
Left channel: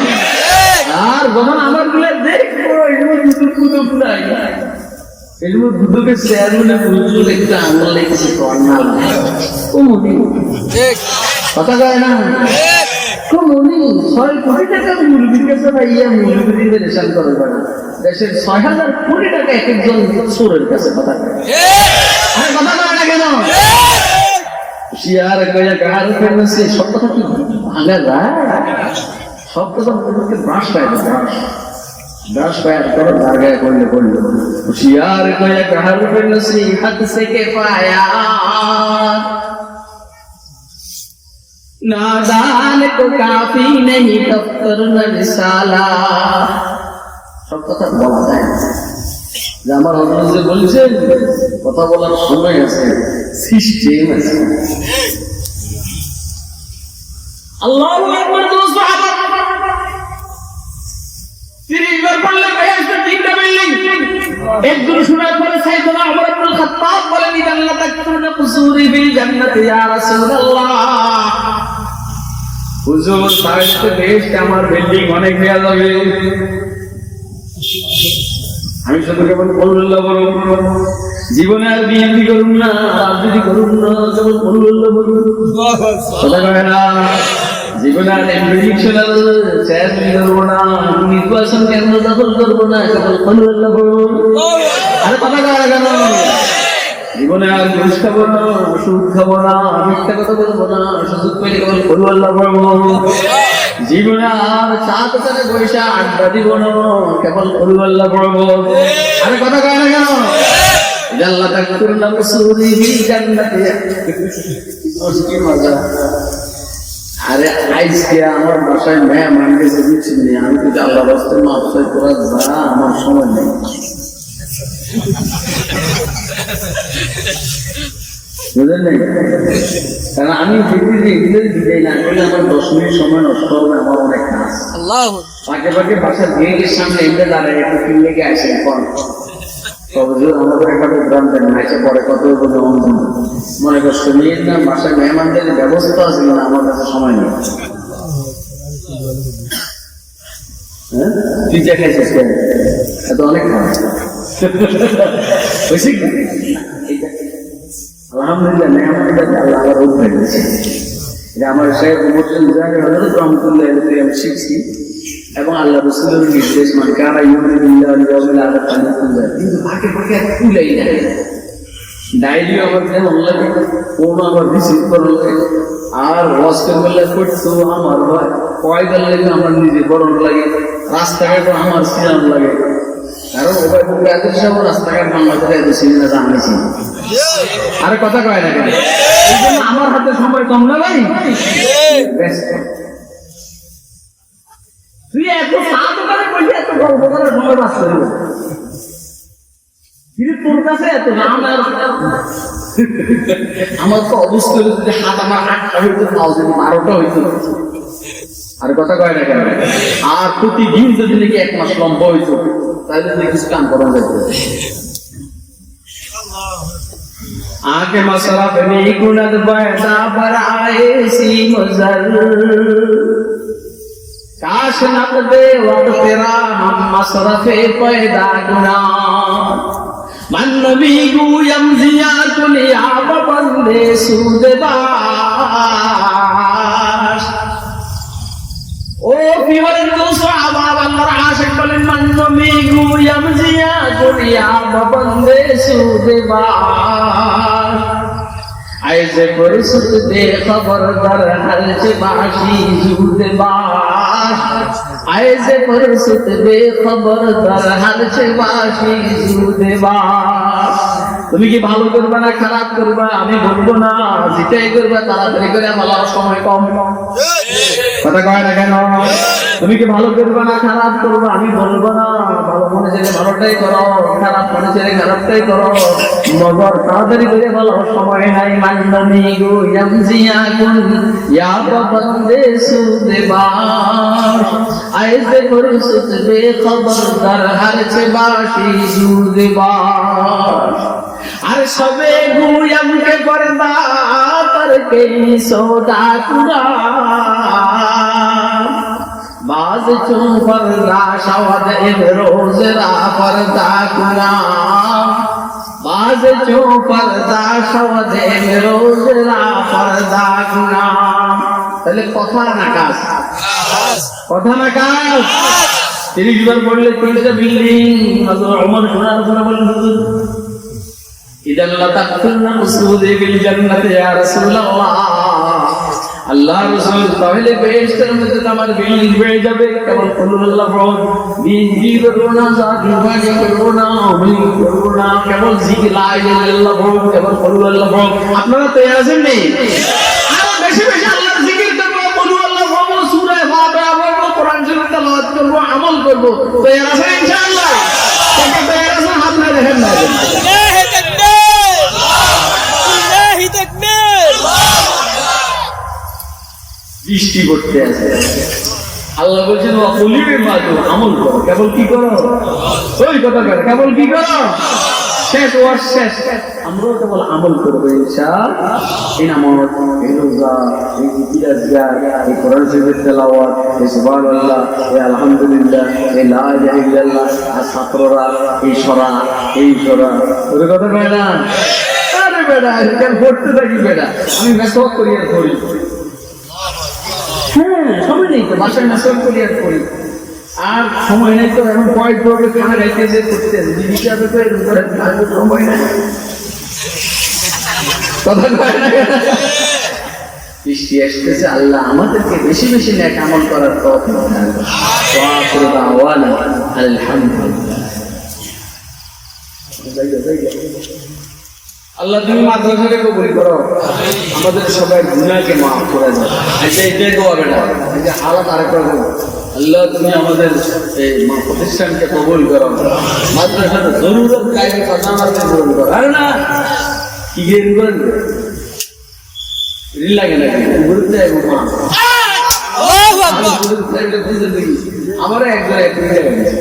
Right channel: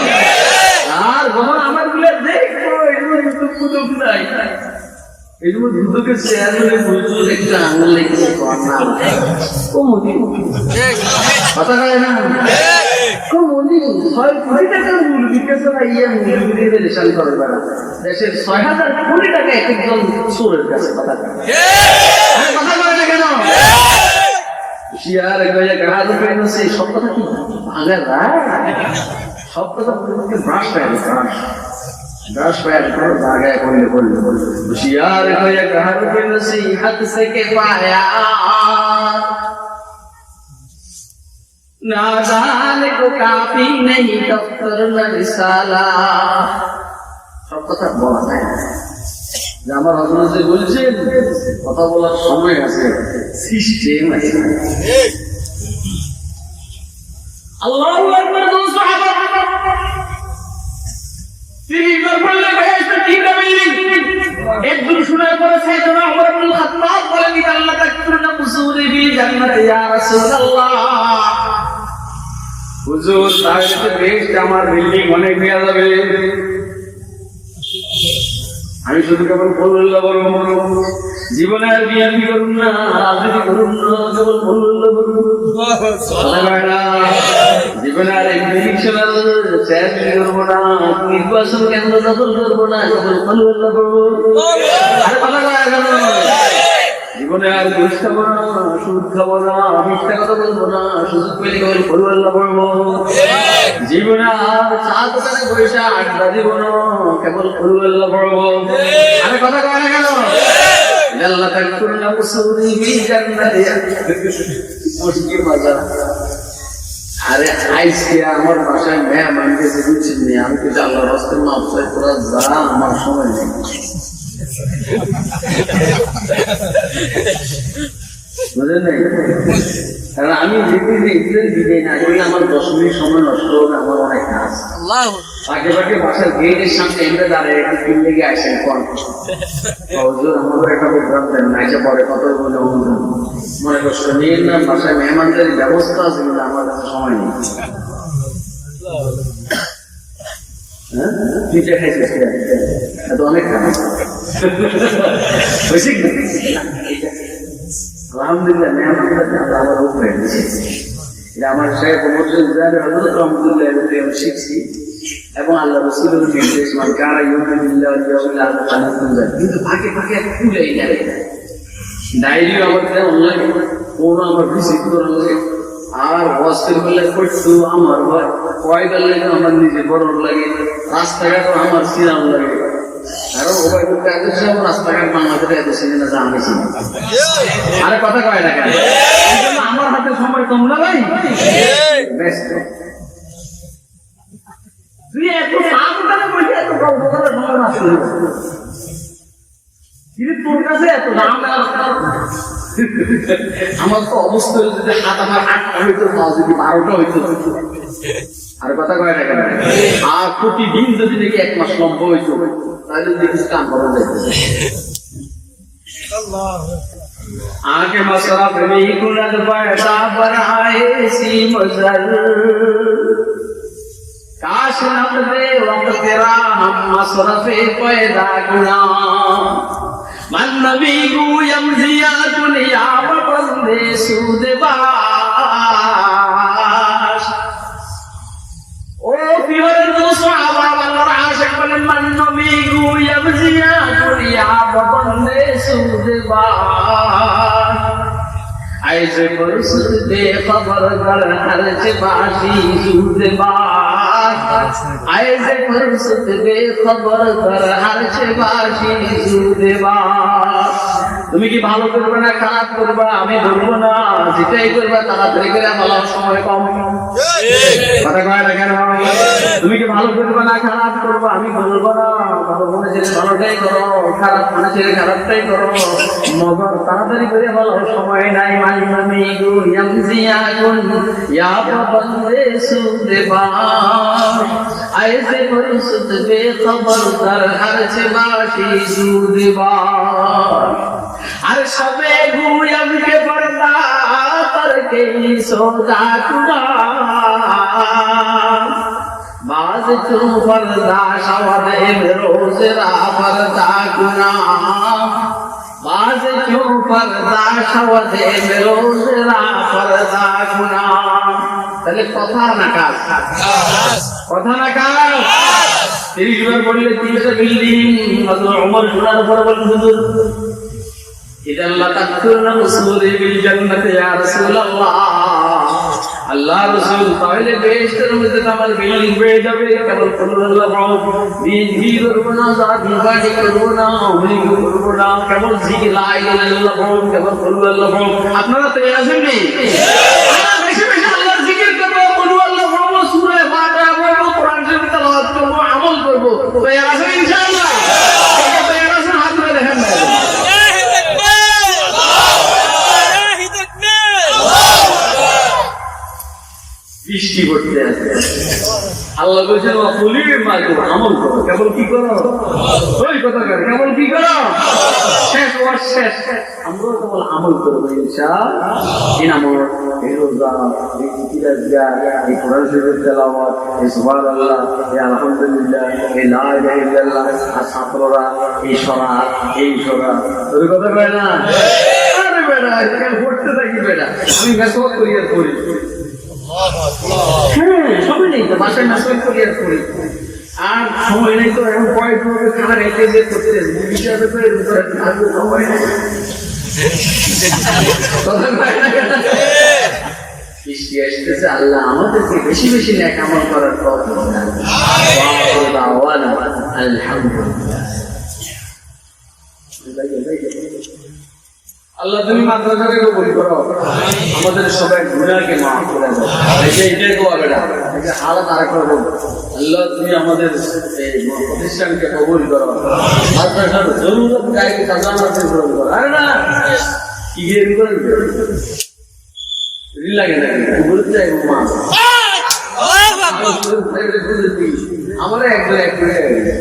আর যখন আমার গুলো দেখবো এগুলো দুটো পুদক নাই এগুলো দুটোকে শেয়ার মানে বুঝলো একটু আঙুল লেগেছে ও মনি কথা যায় না মনি 6 কোটি টাকার মুরগির কাছে না ইয়া মুরগির রেশন করে বেড়া দেশের 6,000 কোটি টাকা এক একজন চোরের কাছে কথা কথা বলে না কেন? শিয়ার কাহার সে সব কথা কি ভাঙা যায়? সব কথা ব্রাশ পায় ব্রাশ পায় করে ভাগা করলে শিয়ার কাহার হাত থেকে পায়া नादान को काफी नहीं दफ्तर में रिसाला। সব কথা বলা যায় না। যে আমার হযরত যে বলছেন কথা বলার সময় আছে, সিস্টেম আছে। আল্লাহু আকবার। দোস্ত সাহাবা 30 বার বললে ভাই এটা তিনটা বিল্ডিং। একজন শোনার পরে সাইয়েদনা ওমর ইবনে খাত্তাব বলেন আল্লাহ তাকফুরনা কুসুরি বিল জান্নাতি ইয়া রাসূলুল্লাহ। হুজুর তাইতে বেস্ট আমার বিল্ডিং অনেক দেয়া যাবে। আমি শুধু কেবল বললাম বড় জীবনে আর বিএনপি করুন না, রাজনীতি করুন না, কেবল বললাম কথা কয় না। জীবনে আর ইলেকশনাল চেয়ারম্যান করবো না, নির্বাচন কেন্দ্র দখল করবো না, কেবল বললাম আরে কথা কয় কেন? জীবনে আর ঘুষ খাবো না, সুদ খাবো না, মিথ্যা কথা বলবো না, সুযোগ পেলে কেবল বলুল্লাহ পড়বো। জীবনে আর চা দোকানে বসে আড্ডা দিব না, কেবল বলুল্লাহ পড়বো। আরে কথা কয় না কেন? আল্লাহ তাকফুরনা কুসুরি বিল জান্নাতি। কি মজা! আরে আজকে আমার বাসায় মেহমান গেছে বুঝছেন নি, আমি কিন্তু আল্লাহ রাস্তায় মাফ চাই তোরা যা, আমার সময় নেই। বুঝলেন না? কারণ আমি দিতে না করলে আমার 10 মিনিট সময় নষ্ট হবে, আমার অনেক কাজ। পাকে পাকে বাসার গেটের সামনে এমনি দাঁড়ায় একটু কিন লেগে আসেন কন হুজুর আমাদের একটা প্রোগ্রাম দেন না, এসে পরে কত মনে কষ্ট নিয়ে না। বাসায় মেহমানদের ব্যবস্থা আছে কিনা আমার কাছে সময় নেই। হ্যাঁ তুই যা খাইছিস এত অনেক খারাপ হয়েছে কি? আলহামদুলিল্লাহ মেহমানদের আল্লাহ আবার রূপ হয়ে গেছে। এটা আমার সাহেব হযরত রহমতুল্লাহ আমি শিখছি এবং আল্লাহ রাসূলের নির্দেশ মানে কারা ইউমিনুল্লাহ ইয়াউমিল আখির কালিকুন যায়, কিন্তু ফাঁকে ফাঁকে খুলেই না। ডায়েরিও আমার অনলাইন কোনো আমার ভিজিট করলে আর হস্টেল করলে করতো আমার ভয় কয়দার লাগে আমার নিজে বরণ লাগে, রাস্তাঘাট আমার সিয়াম লাগে। কারণ ওভাবে বলতে এত সময় রাস্তাঘাট বাংলাদেশে এত সিনেমা জানিছি। আরে কথা কয় না কেন? এই জন্য আমার হাতে সময় কম না ভাই। তুই এত চা দোকানে বসে এত গল্প করার সময় বাস করবি, কিন্তু তোর কাছে এত দাম। আমার তো অবস্থা হলো যদি হাত আমার 8টা হইতো, নাও যদি 12টা হইতো। আর কথা কয় না কেন? আর প্রতিদিন যদি নাকি 1 মাস লম্বা হইতো তাহলে কিছু কাম করা যেত। आगे मसरफ में कुनद बैठा बराए सी मजर, काश नब दे वक्त तेरा हम मसरफे पैदा गुना। मन नबी गुयम जिया दुनिया बंदे सूदे बाश। ও পিওরের সাহাবা আল্লাহর আশিক বলেন মান নবী গুয়াম জিয়া গুরিয়া বন্দে সুদবা। ऐसे फुर्सत बेखबर दर हर से बाशी जूद बाश ऐसे फुर्सत बेखबर दर हर से बाशी जूद बाश তুমি কি ভালো করবে না খারাপ করবা আমি বলবো না যেটাই করবা তাড়াতাড়ি করে বলার সময় কম কথা কয় না কেন তুমি কি ভালো করবে না খারাপ করবা আমি বলবো না ভালো মনে ছেলে ভালোটাই করো খারাপ মনে ছেলে খারাপটাই করো মগর তাড়াতাড়ি করে বলার সময় নাই মানবানি গো ইয়ামজিয়া কুন ইয়া বন্দে সুদেবা আইজে ফুরসত বেখবর দর হর ছে বাশি সুদেবা हर सबे गुयम के पर्दा पर के सौदा कुरा बाज चो पर्दा शवद रोज रा पर्दा कुरा बाज चो पर्दा शवद रोज रा पर्दा कुरा তাহলে কথা না কাজ কথা না কাজ 30 বার পড়লে 3টা বিল্ডিং হযরত ওমর শোনার পরে বলেন হুজুর ইদান লা তাদখুলনা মুসউদি বিল জান্নাতি ইয়া রাসূলুল্লাহ আল্লাহ রাসূল তাহলে বেহেশতের মধ্যে আমার বিল্ডিং হয়ে যাবে কেবল আল্লাহ বল দিন করব না জাতি বাড়ি করব না আমি করব না কেবল জিকির লা ইলাহা ইল্লাল্লাহ বল কেবল আল্লাহ বল আপনারা তৈরি আছেন নি বেশি বেশি আল্লাহর জিকির করব আল্লাহ বল সূরা ফাতিহা পড়ব কোরআন শরীফ তেলাওয়াত করব আমল করব তৈরি আছেন ইনশাআল্লাহ কাকে তৈরি আছেন হাত না দেখেন না বৃষ্টি করতে আছে আল্লাহ বলছেন আমল করো কেবল কি করো ওই কথা করে কেবল কি করো শেষ ওয়াজ শেষ আমরাও কেবল আমল করবো ইনশাআল্লাহ এই নামাজ এই রোজা এই জিকির আজকার এই কোরআন শরীফের তেলাওয়াত এই সুবহানাল্লাহ এই আলহামদুলিল্লাহ এই লা ইলাহা ইল্লাল্লাহ আর ছাত্ররা এই সরা ওই কথা কয় না আরে বেটা কেন পড়তে থাকি বেটা আমি মেসওয়াক করি আর করি হ্যাঁ সময় নেই তো বাসায় মেসওয়াক করি আর করি আর সময় নেই তো এখন পয়েন্ট পড়বে খানা খাইতে যে করতে বিবিচারে তো এরকম করে সময় নেই কথা কয় না বৃষ্টি আসতেছে আল্লাহ আমাদেরকে বেশি বেশি নেক আমল করার তৌফিক দান করুন ওয়া আখিরু দাওয়ানা আলহামদুলিল্লাহ আল্লাহ তুমি মাদ্রাসাকে কবুল করো আমাদের সবাই গুনাহকে মাফ করে দাও এটাই দোয়া বেটা এই যে হালাত আরেকবার বল আল্লাহ তুমি আমাদের এই প্রতিষ্ঠানকে কবুল করো মাদ্রাসার জরুরত গায়ে খাজানাতে কবুল করো আরে না কি গেম করেন রিল লাগে নাকি বলতে যাই মা আল্লাহু আকবার আমারে একবার এক মিনিট গেছে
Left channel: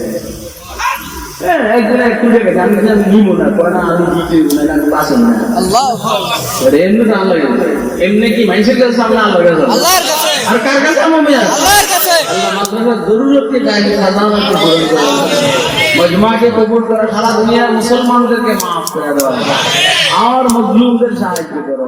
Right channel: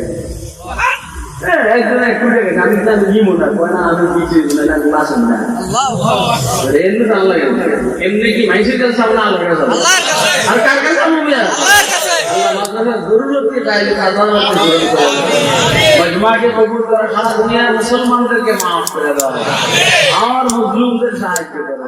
একজন একটু দেখে আমি নিব না কয় না আমি কি না আমি বাসন না আল্লাহ এমনি তো আল্লাহ এমনি কি মানুষের কাছে সামনে আল্লাহর কাছে আর কার কাছে আমি আল্লাহর কাছে আল্লাহ মাদ্রাসার জরুরতকে দায়ী খাজানাকে পূরণ করে মজমাকে কবুল করা সারা দুনিয়ার মুসলমানদেরকে মাফ করে দেওয়া আর মজলুমদের সাহায্য করা